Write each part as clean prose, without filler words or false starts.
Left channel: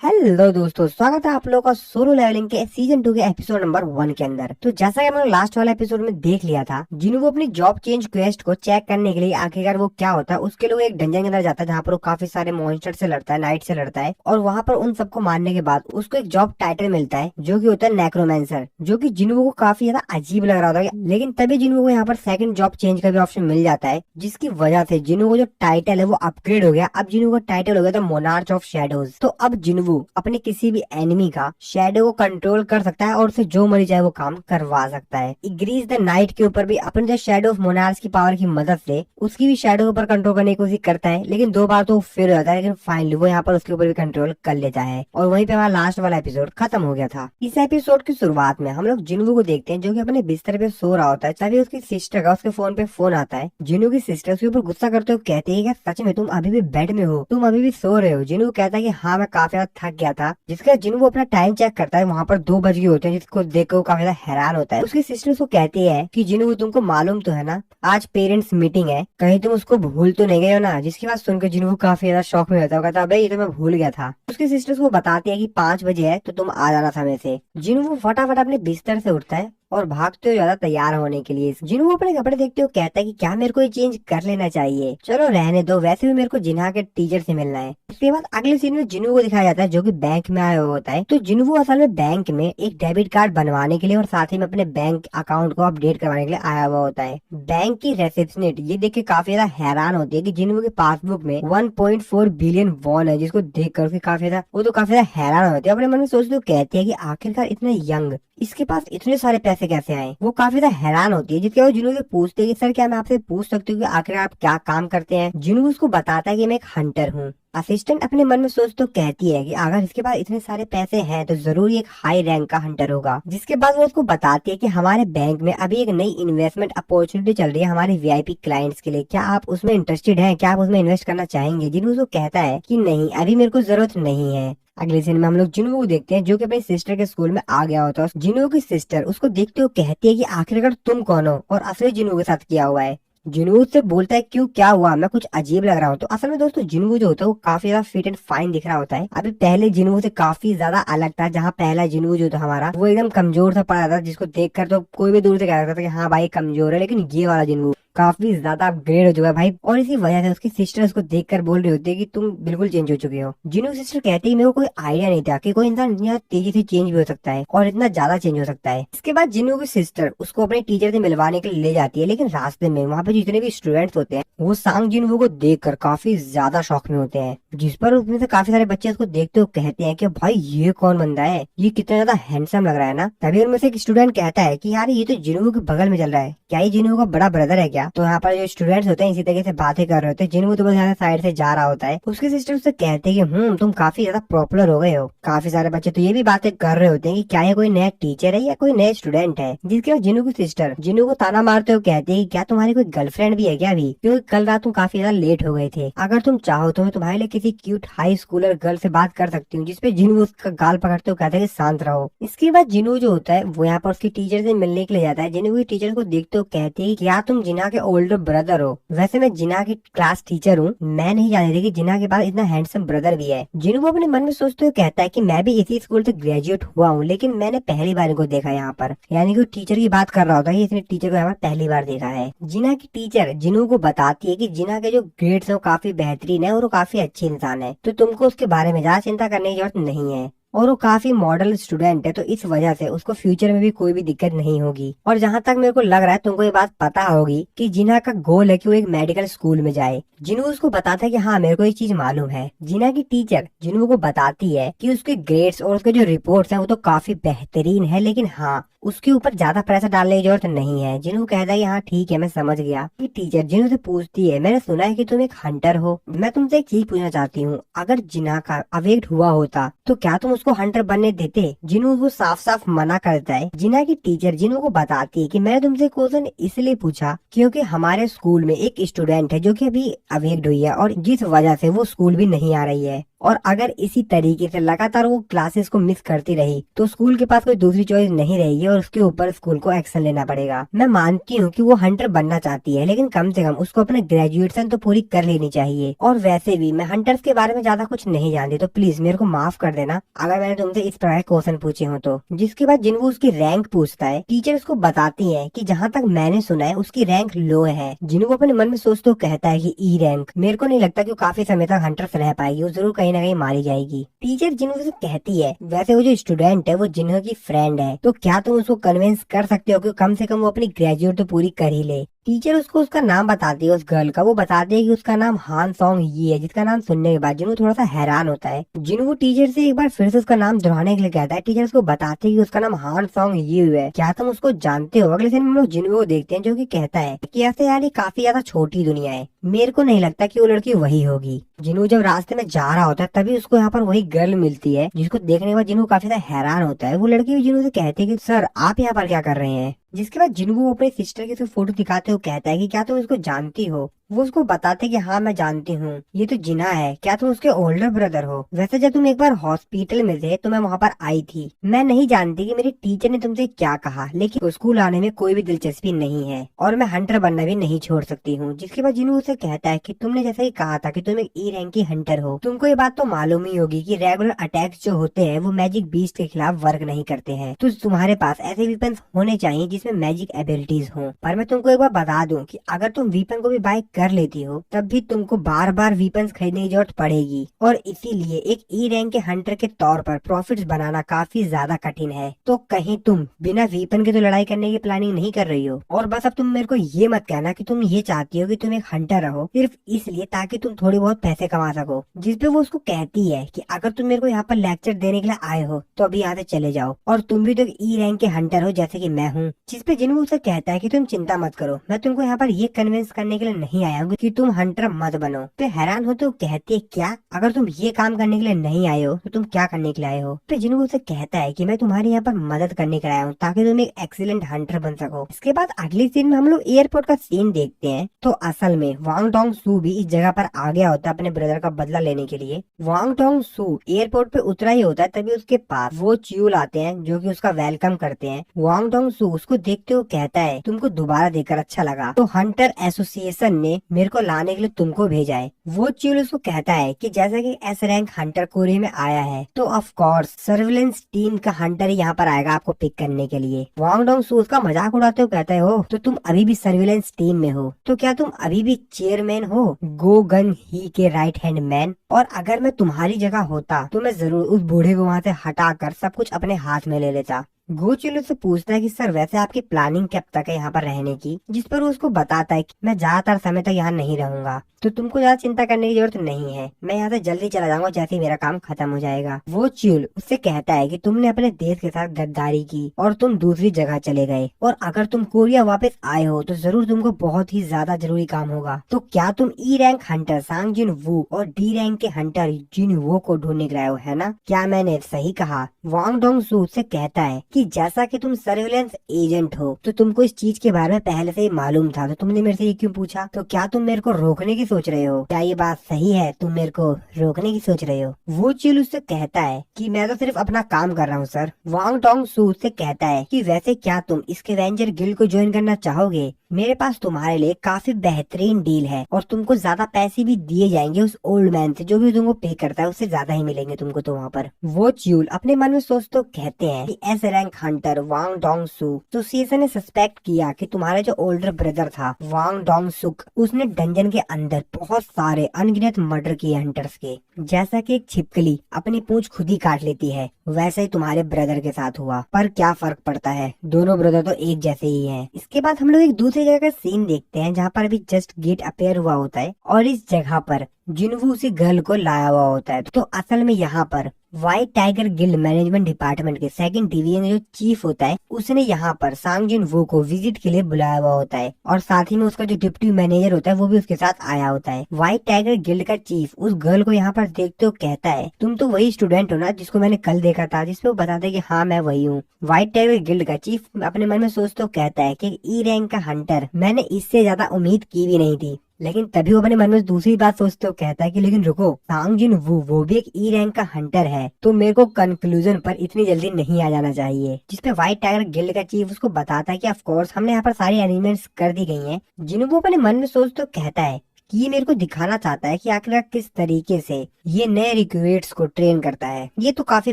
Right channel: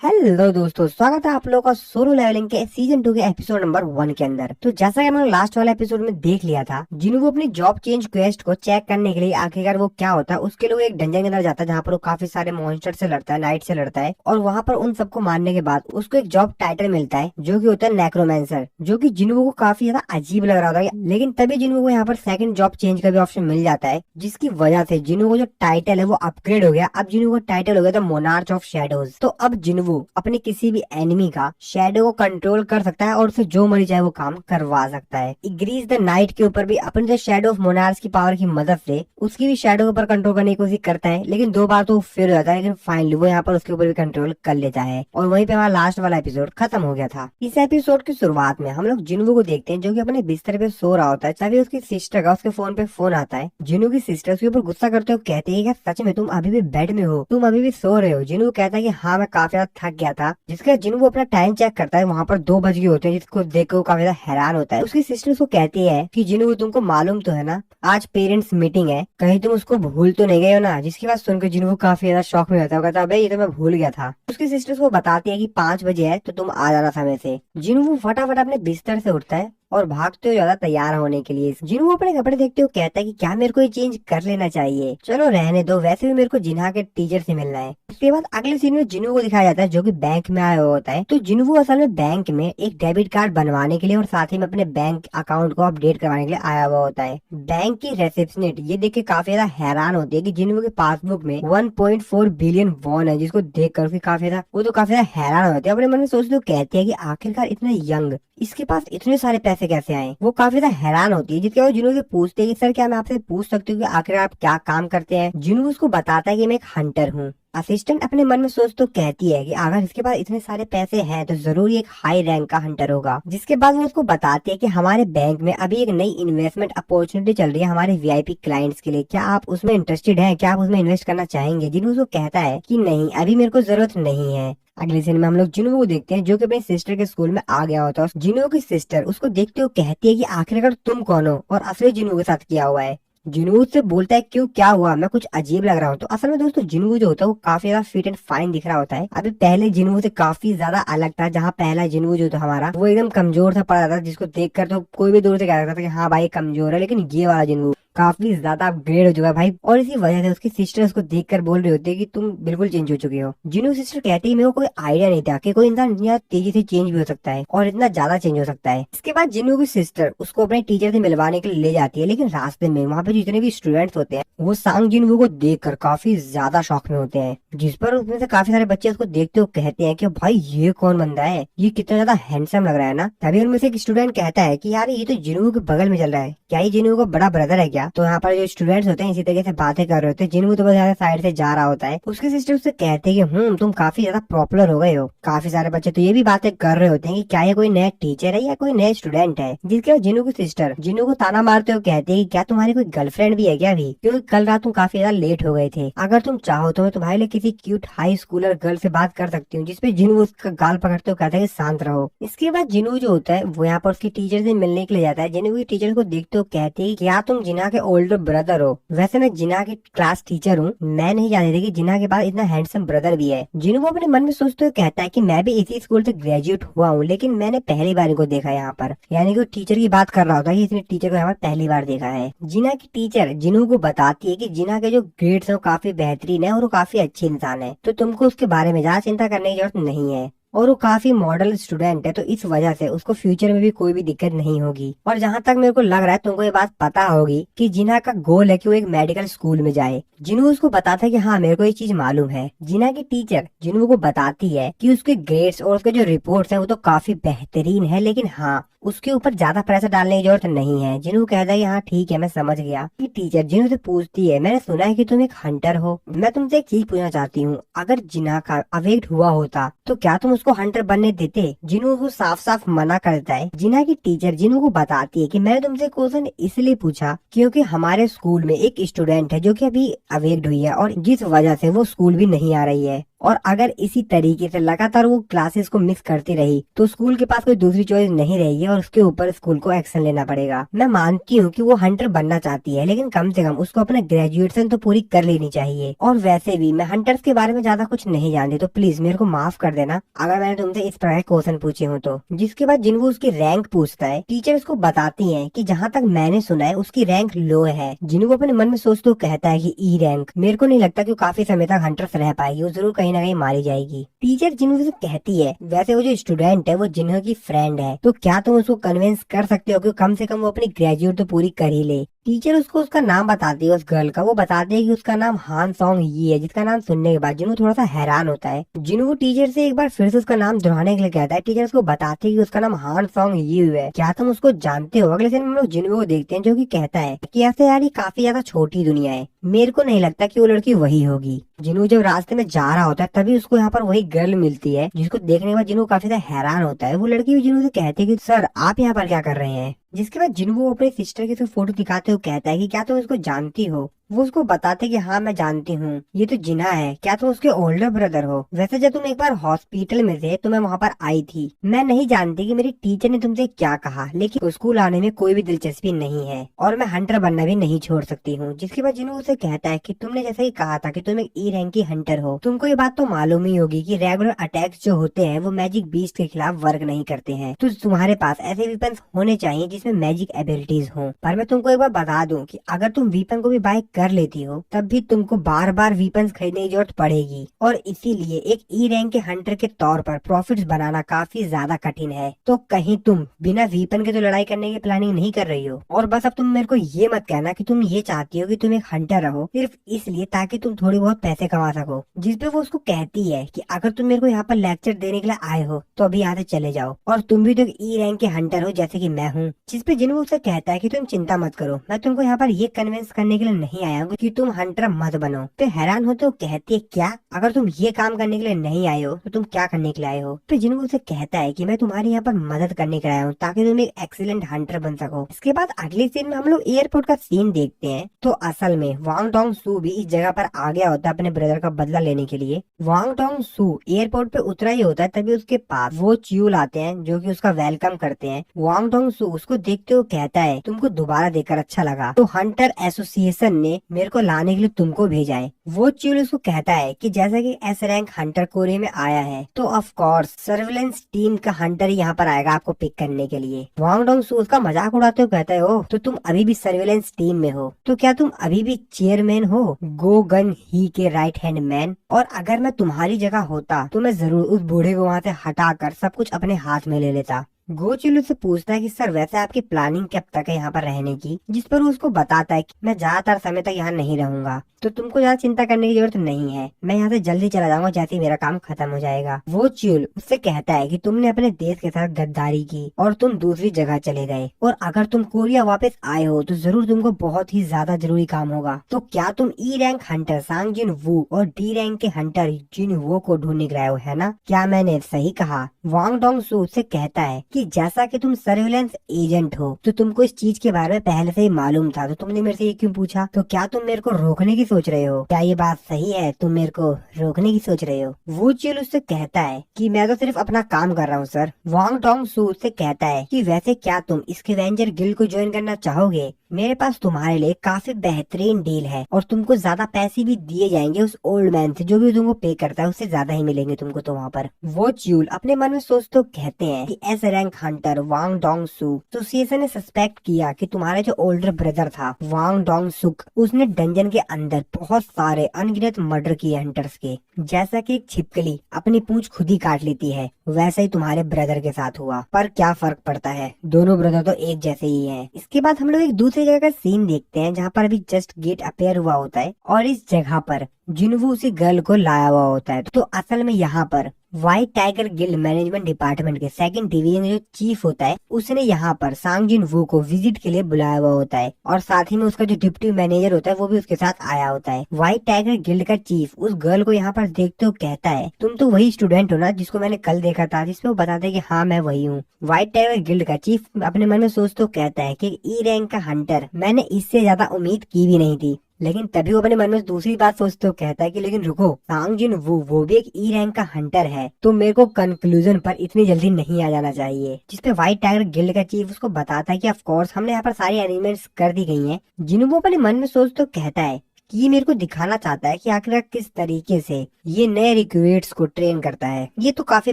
Hello दोस्तों, स्वागत है आप लोगों का सोलो लेवलिंग के सीजन 2 के एपिसोड नंबर 1 के अंदर। तो जैसा कि हम लोग लास्ट वाले एपिसोड में देख लिया था, जिन्हों वो अपनी जॉब चेंज क्वेस्ट को चेक करने के लिए आखिरकार वो क्या होता है उसके लिए एक डंजन के अंदर जाता है, जहाँ पर वो काफी सारे मॉन्स्टर से लड़ता है, नाइट से लड़ता है। और वहाँ पर उन सबको मारने के बाद उसको एक जॉब टाइटल मिलता है जो की होता है नेक्रोमेंसर, जो की जिन्हों को काफी ज्यादा अजीब लग रहा होता है। लेकिन तभी जिन्हों को यहाँ पर सेकंड जॉब चेंज का भी ऑप्शन मिल जाता है, जिसकी वजह से जिन्हों को जो टाइटल है वो अपग्रेड हो गया। अब जिन्हों को टाइटल हो गया था मोनार्च ऑफ शैडोज। तो अब जिन्हों अपने किसी भी एनिमी का शैडो को कंट्रोल कर सकता है और उसे जो मर्जी चाहे वो काम करवा सकता है। ग्रीस द नाइट के ऊपर भी अपने जो शैडो ऑफ मोनार्च की पावर की मदद से उसकी भी शैडो के ऊपर कंट्रोल करने की कोशिश करता है, लेकिन 2 बार तो फेल हो जाता है। लेकिन फाइनली वो यहाँ पर उसके ऊपर भी कंट्रोल कर लेता है और वहीं पे हमारा लास्ट वाला एपिसोड खत्म हो गया था। इस एपिसोड की शुरुआत में हम लोग जिन्हों को देखते हैं जो कि अपने बिस्तर पे सो रहा होता है, तभी उसकी सिस्टर का उसके फोन पे फोन आता है। जिन्हों की सिस्टर उसके ऊपर गुस्सा करते हुए कहती है कि सच में तुम अभी भी बेड में हो, तुम अभी भी सो रहे हो। जिन्हों कहता है कि हाँ मैं काफी ज्यादा थक गया था, जिसके जिन्हों वो अपना टाइम चेक करता है, वहाँ पर 2 बज गए होते हैं, जिसको देख कर वो काफी ज्यादा हैरान होता है। उसकी सिस्टर उसको कहती है कि जिन्हों तुमको मालूम तो है ना, आज पेरेंट्स मीटिंग है, कहीं तुम उसको भूल तो नहीं गए हो ना। जिसकी बात सुनकर जिन्हों काफी ज्यादा शॉक में होता है, कहता है ये तो मैं भूल गया था। उसकी सिस्टर उसको बताती है कि 5 बजे है तो तुम आ जाना समय से। जिन्हों वो फटाफट अपने बिस्तर से उठता है और भागते हुए ज्यादा तैयार होने के लिए। जिन्हों अपने कपड़े देखते हुए कहता है कि क्या मेरे को ये चेंज कर लेना चाहिए, चलो रहने दो, वैसे भी मेरे को जिन्हा के टीचर से मिलना है। इसके बाद अगले सीन में जिन्हों को दिखाया जाता है जो कि बैंक में आया हुआ होता है। तो जिन्हों असल में बैंक में एक डेबिट कार्ड बनवाने के लिए और साथ ही में अपने बैंक अकाउंट को अपडेट करवाने के लिए आया हुआ होता है। बैंक की रिसेप्शनिस्ट ये देख के काफी ज्यादा हैरान होती है कि जिन्हों के पासबुक में 1.4 बिलियन वॉन है, जिसको देख कर काफी ज्यादा वो तो काफी ज्यादा हैरान होती है। अपने मन में सोचते हुए कहती है कि आखिरकार इतना यंग इसके पास इतने सारे पैसे कैसे आए। वो काफी ज्यादा हैरान होती है, जिसके बाद जिन्हों से पूछते हैं कि सर क्या मैं आपसे पूछ सकती हूँ कि आखिर आप क्या काम करते हैं। जिन्हों उसको बताता है कि मैं एक हंटर हूँ। असिस्टेंट अपने मन में सोच तो कहती है कि अगर इसके पास इतने सारे पैसे हैं तो जरूर एक हाई रैंक का हंटर होगा। जिसके बाद वो उसको बताती है कि हमारे बैंक में अभी एक नई इन्वेस्टमेंट अपॉर्चुनिटी चल रही है हमारे वीआईपी क्लाइंट्स के लिए, क्या आप उसमें इंटरेस्टेड हैं, क्या आप उसमें इन्वेस्ट करना चाहेंगे। जिन्हों उसको कहता है कि नहीं, अभी मेरे को जरूरत नहीं है। अगले सीन में हम लोग जिन्हों को देखते हैं जो कि अपनी सिस्टर के स्कूल में आ गया होता है। जिन्हों की सिस्टर उसको देखते हुए कहती है कि आखिरकार तुम कौन हो और असली जिन्हों के साथ क्या हुआ है। जिन्हों से बोलता है क्यों, क्या हुआ, मैं कुछ अजीब लग रहा हूँ। तो असल में दोस्तों जिन्हों जो होता है वो काफी ज्यादा फिट एंड फाइन दिख रहा होता है। अभी पहले जिन्हों से काफी ज्यादा अलग था, जहाँ पहला जिन्हों जो था हमारा वो एकदम कमजोर था पड़ा था, जिसको देखकर तो कोई भी दूर से कह सकता था कि हाँ भाई कमजोर है। लेकिन ये वाला जिन्हों काफी ज्यादा अपग्रेड हो चुका है भाई, और इसी वजह से उसकी सिस्टर उसको देखकर बोल रही होती है कि तुम बिल्कुल चेंज हो चुके हो। जिन्हों सिस्टर कहती है मेरे को कोई आइडिया नहीं था कि कोई इंसान इतना तेजी से चेंज भी हो सकता है और इतना ज्यादा चेंज हो सकता है। इसके बाद जिन्हों की सिस्टर उसको अपने टीचर से मिलवाने के लिए ले जाती है, लेकिन रास्ते में वहाँ पे जितने भी स्टूडेंट्स होते हैं वो सांग जिन्हों को देखकर काफी ज्यादा शौक में होते हैं। जिस पर उसमें से काफी सारे बच्चे उसको देखते हुए कहते हैं कि भाई ये कौन बंदा है, ये कितना ज्यादा हैंडसम लग रहा है ना। तभी उनमें से एक स्टूडेंट कहता है कि यार ये तो जिन्हों के बगल में चल रहा है, क्या ये जिन्हों का बड़ा ब्रदर है क्या। तो यहाँ पर जो स्टूडेंट्स होते हैं इसी तरीके से बातें कर रहे होते हैं। जिन्हों तो बस यहाँ साइड से जा रहा होता है। उसके सिस्टर उससे कहते हैं कि तुम काफी ज्यादा पॉपुलर हो गए हो। काफी सारे बच्चे तो ये भी बातें कर रहे होते हैं कि क्या ये कोई नया टीचर है या कोई नया स्टूडेंट है। जिसके बाद जिन्हों की सिस्टर जिन्हों को ताना मारते हुए कहती है क्या तुम्हारी कोई गर्लफ्रेंड भी है क्या अभी, क्योंकि कल रात तुम काफी ज्यादा लेट हो गए थे। अगर तुम चाहो तो मैं तुम्हारे लिए किसी क्यूट हाई स्कूलर गर्ल से बात कर सकती हूँ। जिसपे जिन्हों उसका गाल पकड़ते हुए कहते हैं शांत रहो। इसके बाद जिन्हों जो होता है वो यहाँ पर उसकी टीचर से मिलने के लिए जाता है। जिन्हों की टीचर को देखते हुए कहती है क्या तुम जिन्हा के ओल्डर ब्रदर हो। वैसे मैं जिन्हा की क्लास टीचर हूँ, मैं नहीं जानती थी कि जिन्हा के पास इतना हैंडसम ब्रदर भी है। जिन्हों वो अपने मन में सोचते हुए कहता है कि मैं भी इसी स्कूल से ग्रेजुएट हुआ हूँ, लेकिन मैंने पहली बार इनको देखा यहाँ पर। यानी कि टीचर की बात कर रहा होता है, इसने टीचर को यहाँ पर पहली बार देखा है। जिन्हा की टीचर जिन्हों को बताती है कि जिन्हा के जो ग्रेड्स है वो काफी बेहतरीन है और वो काफी अच्छी इंसान है, तो तुमको उसके बारे में ज्यादा चिंता करने की जरूरत नहीं है। और वो काफी मॉडल स्टूडेंट है, तो इस वजह से उसको फ्यूचर में भी कोई भी दिक्कत नहीं होगी। और जहाँ तक मेरे को लग रहा है तुमको ये बात पता होगी कि जिन्हा का गोल है कि वो एक मेडिकल स्कूल में जाए। जिन्हों उसको बताता है कि हाँ मेरे को ये चीज मालूम है। जिन्हा की टीचर जिन्हों को बताती है कि उसके ग्रेड्स और उसके जो रिपोर्ट्स है वो तो काफी बेहतरीन है, लेकिन हाँ उसके ऊपर ज्यादा प्रेशर डालने की जरूरत नहीं है। जिन्हों कहता है हाँ ठीक है मैं समझ गया। ये टीचर जिन्हों से पूछती है मैंने सुना है कि तुम एक हंटर हो, मैं तुमसे एक चीज पूछना चाहती हूँ, अगर जिन्हा का अवेक्ट हुआ होता तो क्या तुम उसको हंटर बनने देते। जिन्हों को साफ साफ मना करता है। जिन्हा की टीचर जिन्हों को बताती है कि मैंने तुमसे क्वेश्चन इसलिए पूछा क्योंकि हमारे स्कूल में एक स्टूडेंट है जो कि अभी अवेक्ट हुई है और जिस वजह से वो स्कूल भी नहीं आ रही है। और अगर इसी तरीके से लगातार वो क्लासेस को मिस करती रही तो स्कूल के पास कोई दूसरी चॉइस नहीं रहेगी और उसके ऊपर स्कूल को एक्शन लेना पड़ेगा। मैं मानती हूँ कि वो हंटर बनना चाहती है, लेकिन कम से कम उसको अपने ग्रेजुएशन तो पूरी कर लेनी चाहिए। और वैसे भी मैं हंटर्स के बारे में ज्यादा कुछ नहीं जानती, तो प्लीज मेरे को माफ कर देना अगर मैंने तुमसे इस तरह के क्वेश्चन पूछे हो तो। जिसके बाद जिन्हों उसकी रैंक पूछता है, टीचर उसको बताती है कि जहाँ तक मैंने सुना है उसकी रैंक लो है। जिन्हों अपने मन में सोचते कहता है कि ई रैंक। मेरे को नहीं लगता कि वो काफी समय तक हंटर्स रह पाएगी, वो जरूर कहीं ना कहीं मारी जाएगी। टीचर जिन्हों से कहती है वैसे वो जो स्टूडेंट है वो जिन्हों की फ्रेंड है, तो क्या तुम उसको कन्विंस कर सकते हो कि कम से कम वो अपनी ग्रेजुएट तो पूरी कर ही ले। टीचर उसको उसका नाम बताती है उस गर्ल का। वो बताती है कि उसका नाम हान सॉन्ग यी है, जिसका नाम सुनने के बाद जिन्हों थोड़ा सा हैरान होता है। जिन्हों टीचर से एक बार फिर से उसका नाम दोहराने के लिए कहता है। टीचर उसको बताती है कि उसका नाम हान सॉन्ग यी है, क्या तुम उसको जानते हो। अगले दिन हम लोग जिन्हों को देखते हैं जो कि कहता है कि ऐसे यार ये काफी ज्यादा छोटी दुनिया है, मेरे को नहीं लगता कि वो लड़की वही होगी। जिन्हों जब रास्ते में जा रहा होता है तभी उसको यहाँ पर वही गर्ल मिलती है, जिसको देखने के बाद जिन्हों काफी ज्यादा हैरान होता है। वो लड़की भी जिन्हों से कहती है कि सर आप यहाँ पर क्या कर रहे हैं। जिसके बाद जिन्हों अपनी सिस्टर की फोटो दिखाते हुए कहता है कि क्या तुम इसको जानती हो। वो उसको बताते कि हाँ मैं जानती हूँ, ये तो जिना है, क्या तुम उसके ओल्डर ब्रदर हो। वैसे जब तुम एक बार हॉस्पिटल में थे तो मैं वहाँ पर आई थी। मैं नहीं जानती कि मेरे टीचर ने तुमसे क्या कहा, लेकिन स्कूल आने में कोई भी दिलचस्पी नहीं है और मैं हंटर बनना भी नहीं छोड़ सकती हूँ। जिसके बाद जिन्हों उसे कहता है कि तुमने जैसा ही कहा था कि तुम एक ई रैंक की हंटर हो, तुमको ये बात तो मालूम ही होगी कि रेगुलर अटैक्स जो होते हैं वो मैजिक बीस्ट के खिलाफ वर्क नहीं करते हैं। तो तुम्हारे पास ऐसे वीपन्स होने चाहिए जिसमें मैजिक एबिलिटीज हो। पर मैं तुमको एक बार बता दूं कि अगर तुम वीपन को भी बाय कर लेती हो तब भी तुमको बार बार वीपन्स खरीदने की जरूरत पड़ेगी और इसीलिए एक ई रैंक के हंटर के तौर पर प्रॉफिट्स बनाना काफी ज्यादा कठिन है। तो कहीं तुम बिना वीपन के तो लड़ाई करने की प्लानिंग नहीं कर रही हो। और बस अब तुम मेरे को ये मत कहना कि तुम ये चाहती हो कि तुम एक हंटर रहो सिर्फ इसलिए ताकि तुम थोड़ी बहुत पैसे कमा सको। जिसपे वो उसको कहती है कि अगर तुम मेरे को यहाँ पर लेक्चर देने के लिए आए हो तो अभी यहाँ से चले जाओ, और तुम भी तो ई रैंक के हंटर हो जैसे कि मैं हूँ। जिसपे जिन्हों उसे कहता है कि तुम चिंता मत करो, मैं तुमको यहाँ पर ये कन्विंस करने के लिए नहीं आया हूँ कि तुम हंटर मत बनो। तो हैरान हो तो कहती है क्या, अगर तुम ये काम करने के लिए नहीं आए हो तो तुम क्या करने के लिए आए हो। तो जिन्हों उसे कहता है कि मैं तुम्हारी यहाँ पर मदद करने के लिए आया हूँ ताकि तुम एक एक्सीलेंट हंटर बन सको। इसके बाद अगली सीन में हम लोग एयरपोर्ट का सीन देखते हैं। तो असल में वांग टोंग सू भी इस जगह पर आ गया होता है अपने ब्रदर का बदला लेने के लिए। वांग टोंग सू एयरपोर्ट पे उतरा ही होता है तभी उसके पास वो च्यूल आते हैं जो कि उसका वेलकम करते हैं। वांग टोंग सू उसको देखते हुए कहता है तुमको दोबारा देखकर अच्छा लगा, तो हंटर एसोसिएशन ने मेरे को लाने के लिए तुमको भेजा है। वो च्यूल उसको कहता है कि जैसा कि एस रैंक हंटर कोरिया में आया है तो ऑफ कोर्स सर्विलेंस टीम का हंटर ही यहाँ पर आएगा आपको पिक करने के लिए। वांग टोंग सू उसका मजाक उड़ाते हुए कहता है ओ तो तुम अभी भी सर्विलेंस टीम में हो, तो क्या तुम अभी भी चेयरमैन हो, गो गन ही के राइट हैंड मैन। और अगर मैं तुम्हारी जगह होता तो मैं जरूर उस बूढ़े को वहाँ से हटाकर सब कुछ अपने हाथ में ले लेता। गोचिलू से पूछता है कि सर वैसे आपकी प्लानिंग कब तक है यहाँ पर रहने की। जिस पर वो उसको बताता है कि मैं ज्यादातर समय तक यहाँ नहीं रहूंगा, तो तुमको ज्यादा चिंता करने की जरूरत नहीं है, मैं यहाँ से जल्दी चला जाऊंगा जैसे ही मेरा काम खत्म हो जाएगा। वो च्यूल उससे कहता है कि तुमने अपने देश के साथ गद्दारी की और तुम दूसरी जगह चले गए, और अगर तुम कोरिया वापस आए हो तो जरूर तुमको बहुत ही ज्यादा जरूरी काम होगा। तो क्या तुम ई रैंक हंटर सांग जिन वू और डी रैंक के हंटर जिन वो को ढूंढने गए हो, है ना? क्या मैंने सही कहा? वांग डोंग सू से कहता है कि जैसा कि तुम सर्विलेंस एजेंट हो तो तुमको इस चीज के बारे में पहले से ही मालूम था, तो तुमने मेरे से ये क्यों पूछा? तो क्या तुम मेरे को रोकने की सोच रहे हो? क्या ये बात सही है, तुम मेरे को रोकने की सोच रहे हो? वो चील उससे कहता है कि मैं तो सिर्फ अपना काम कर रहा हूँ सर। वांग डोंग सू से कहता है कि वैसे क्या तुम इसके वेंजर गिल्ड को ज्वाइन करना चाहोगे? मेरे पास तुम्हारे लिए काफी बेहतरीन डील है और तुमको ज्यादा पैसे भी दिए जाएंगे उस ओल्ड मैन से, जो भी तुमको पे करता है उससे ज्यादा ही मिलेंगे तुमको तो वहाँ पर। वो च्यूल अपने मन में सोच तो कहते हैं कि एस रैंक हंटर वांग डोंग सू एसोसिएशन ने सस्पेक्ट किया कि तुम्हारे जो ओल्डर ब्रदर था वांग डोंग सुक, उसने डंजन के अंदर बहुत सारे अनगिनत मर्डर किए हंटर्स के। जैसा कि एक छिपकली अपनी पूंछ खुद ही काट लेती है, वैसे ही तुम्हारे ब्रदर के साथ हुआ। पर क्या फर्क पड़ता है, दोनों ब्रदर तो एक जैसे ही हैं। इसके बाद हम लोग एक दूसरी जगह का सीन देखते हैं जहाँ पर अभी जस्ट गेट अपेयर हुआ होता है और इस जगह पर जिन्हों उसी गर्ल को लाया हुआ होता है। तो असल में यहाँ पर white tiger guild management department के सेकंड डिवीजन जो चीफ होता है उसने यहाँ पर सांग जिन वू को विजिट के लिए बुलाया हुआ होता है, और साथ ही में उसका जो डिप्टी मैनेजर होता है वो भी उसके साथ आया होता है। व्हाइट टाइगर गिल्ड का चीफ उस गर्ल को यहाँ पर देखते हुए कहता है तुम तो वही स्टूडेंट हो ना जिसको मैंने कल देखा था? जिसपे वो बताते कि हाँ मैं वही हूँ। व्हाइट टाइगर गिल्ड का चीफ अपने मन में सोचते कहता है कि ई रैंक का हंटर मैंने इससे ज्यादा उम्मीद की भी नहीं थी। लेकिन तभी वो अपने मन में दूसरी बात सोचते हुए कहता है कि लेकिन रुको, सांग जिन वो भी एक ई रैंक का हंटर है, तो मेरे को कंक्लूजन पर इतनी जल्दी नहीं आ जाना चाहिए। जिसपे व्हाइट टाइगर गिल्ड का चीफ उसको बताता है कि ऑफ कोर्स हमने यहाँ पर सारी अरेंजमेंट्स कर दी गई हैं। जिन्हों अपने मन में सोचते हुए कहता है कि ये मेरे को दिखाना चाहता है कि आखिर किस तरीके से ये नए रिक्रूट्स को ट्रेन करता है। ये तो काफी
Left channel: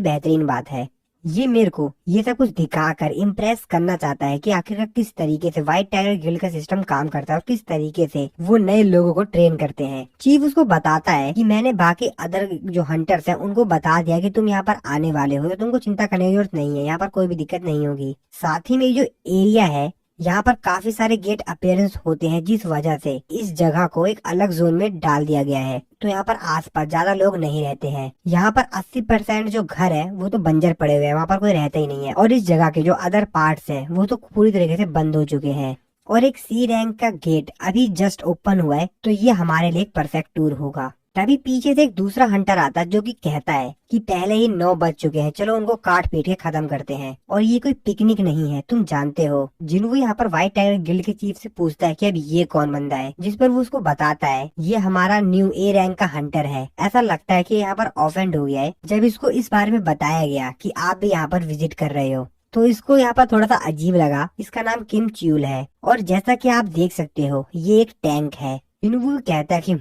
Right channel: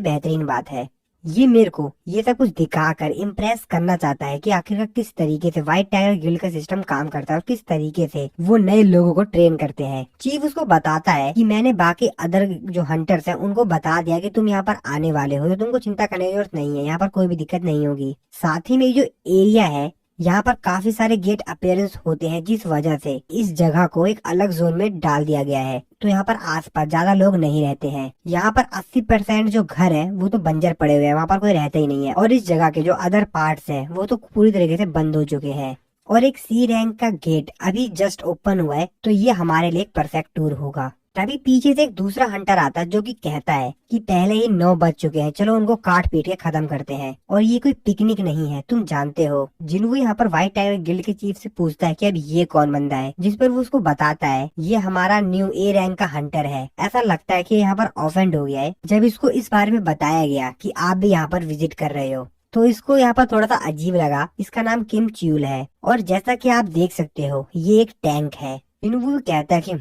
बेहतरीन बात है। ये मेरे को ये सब कुछ दिखाकर इम्प्रेस करना चाहता है कि आखिर किस तरीके से व्हाइट टाइगर गिल्ड का सिस्टम काम करता है और किस तरीके से वो नए लोगों को ट्रेन करते हैं। चीफ उसको बताता है कि मैंने बाकी अदर जो हंटर्स हैं उनको बता दिया कि तुम यहाँ पर आने वाले हो, तो तुमको चिंता करने की जरूरत नहीं है, यहाँ पर कोई भी दिक्कत नहीं होगी। साथ ही में जो एरिया है यहाँ पर काफी सारे गेट अपीयरेंस होते हैं, जिस वजह से इस जगह को एक अलग जोन में डाल दिया गया है। तो यहाँ पर आसपास ज्यादा लोग नहीं रहते हैं। यहाँ पर 80% जो घर है वो तो बंजर पड़े हुए हैं, वहाँ पर कोई रहता ही नहीं है। और इस जगह के जो अदर पार्ट्स हैं वो तो पूरी तरीके से बंद हो चुके हैं। और एक सी रैंक का गेट अभी जस्ट ओपन हुआ है, तो ये हमारे लिए एक परफेक्ट टूर होगा। तभी पीछे से एक दूसरा हंटर आता है जो कि कहता है कि पहले ही 9 बज चुके हैं, चलो उनको काट पीट के खत्म करते हैं। और ये कोई पिकनिक नहीं है, तुम जानते हो। जिन्हों यहाँ पर व्हाइट टाइगर गिल्ड के चीफ से पूछता है कि अब ये कौन बंदा है, जिस पर वो उसको बताता है ये हमारा न्यू ए रैंक का हंटर है। ऐसा लगता है कि यहाँ पर ऑफेंड हो गया है जब इसको इस बारे में बताया गया कि आप भी यहाँ पर विजिट कर रहे हो, तो इसको यहाँ पर थोड़ा सा अजीब लगा। इसका नाम किम च्यूल है और जैसा कि आप देख सकते हो ये एक टैंक है। इनवू कहता है कि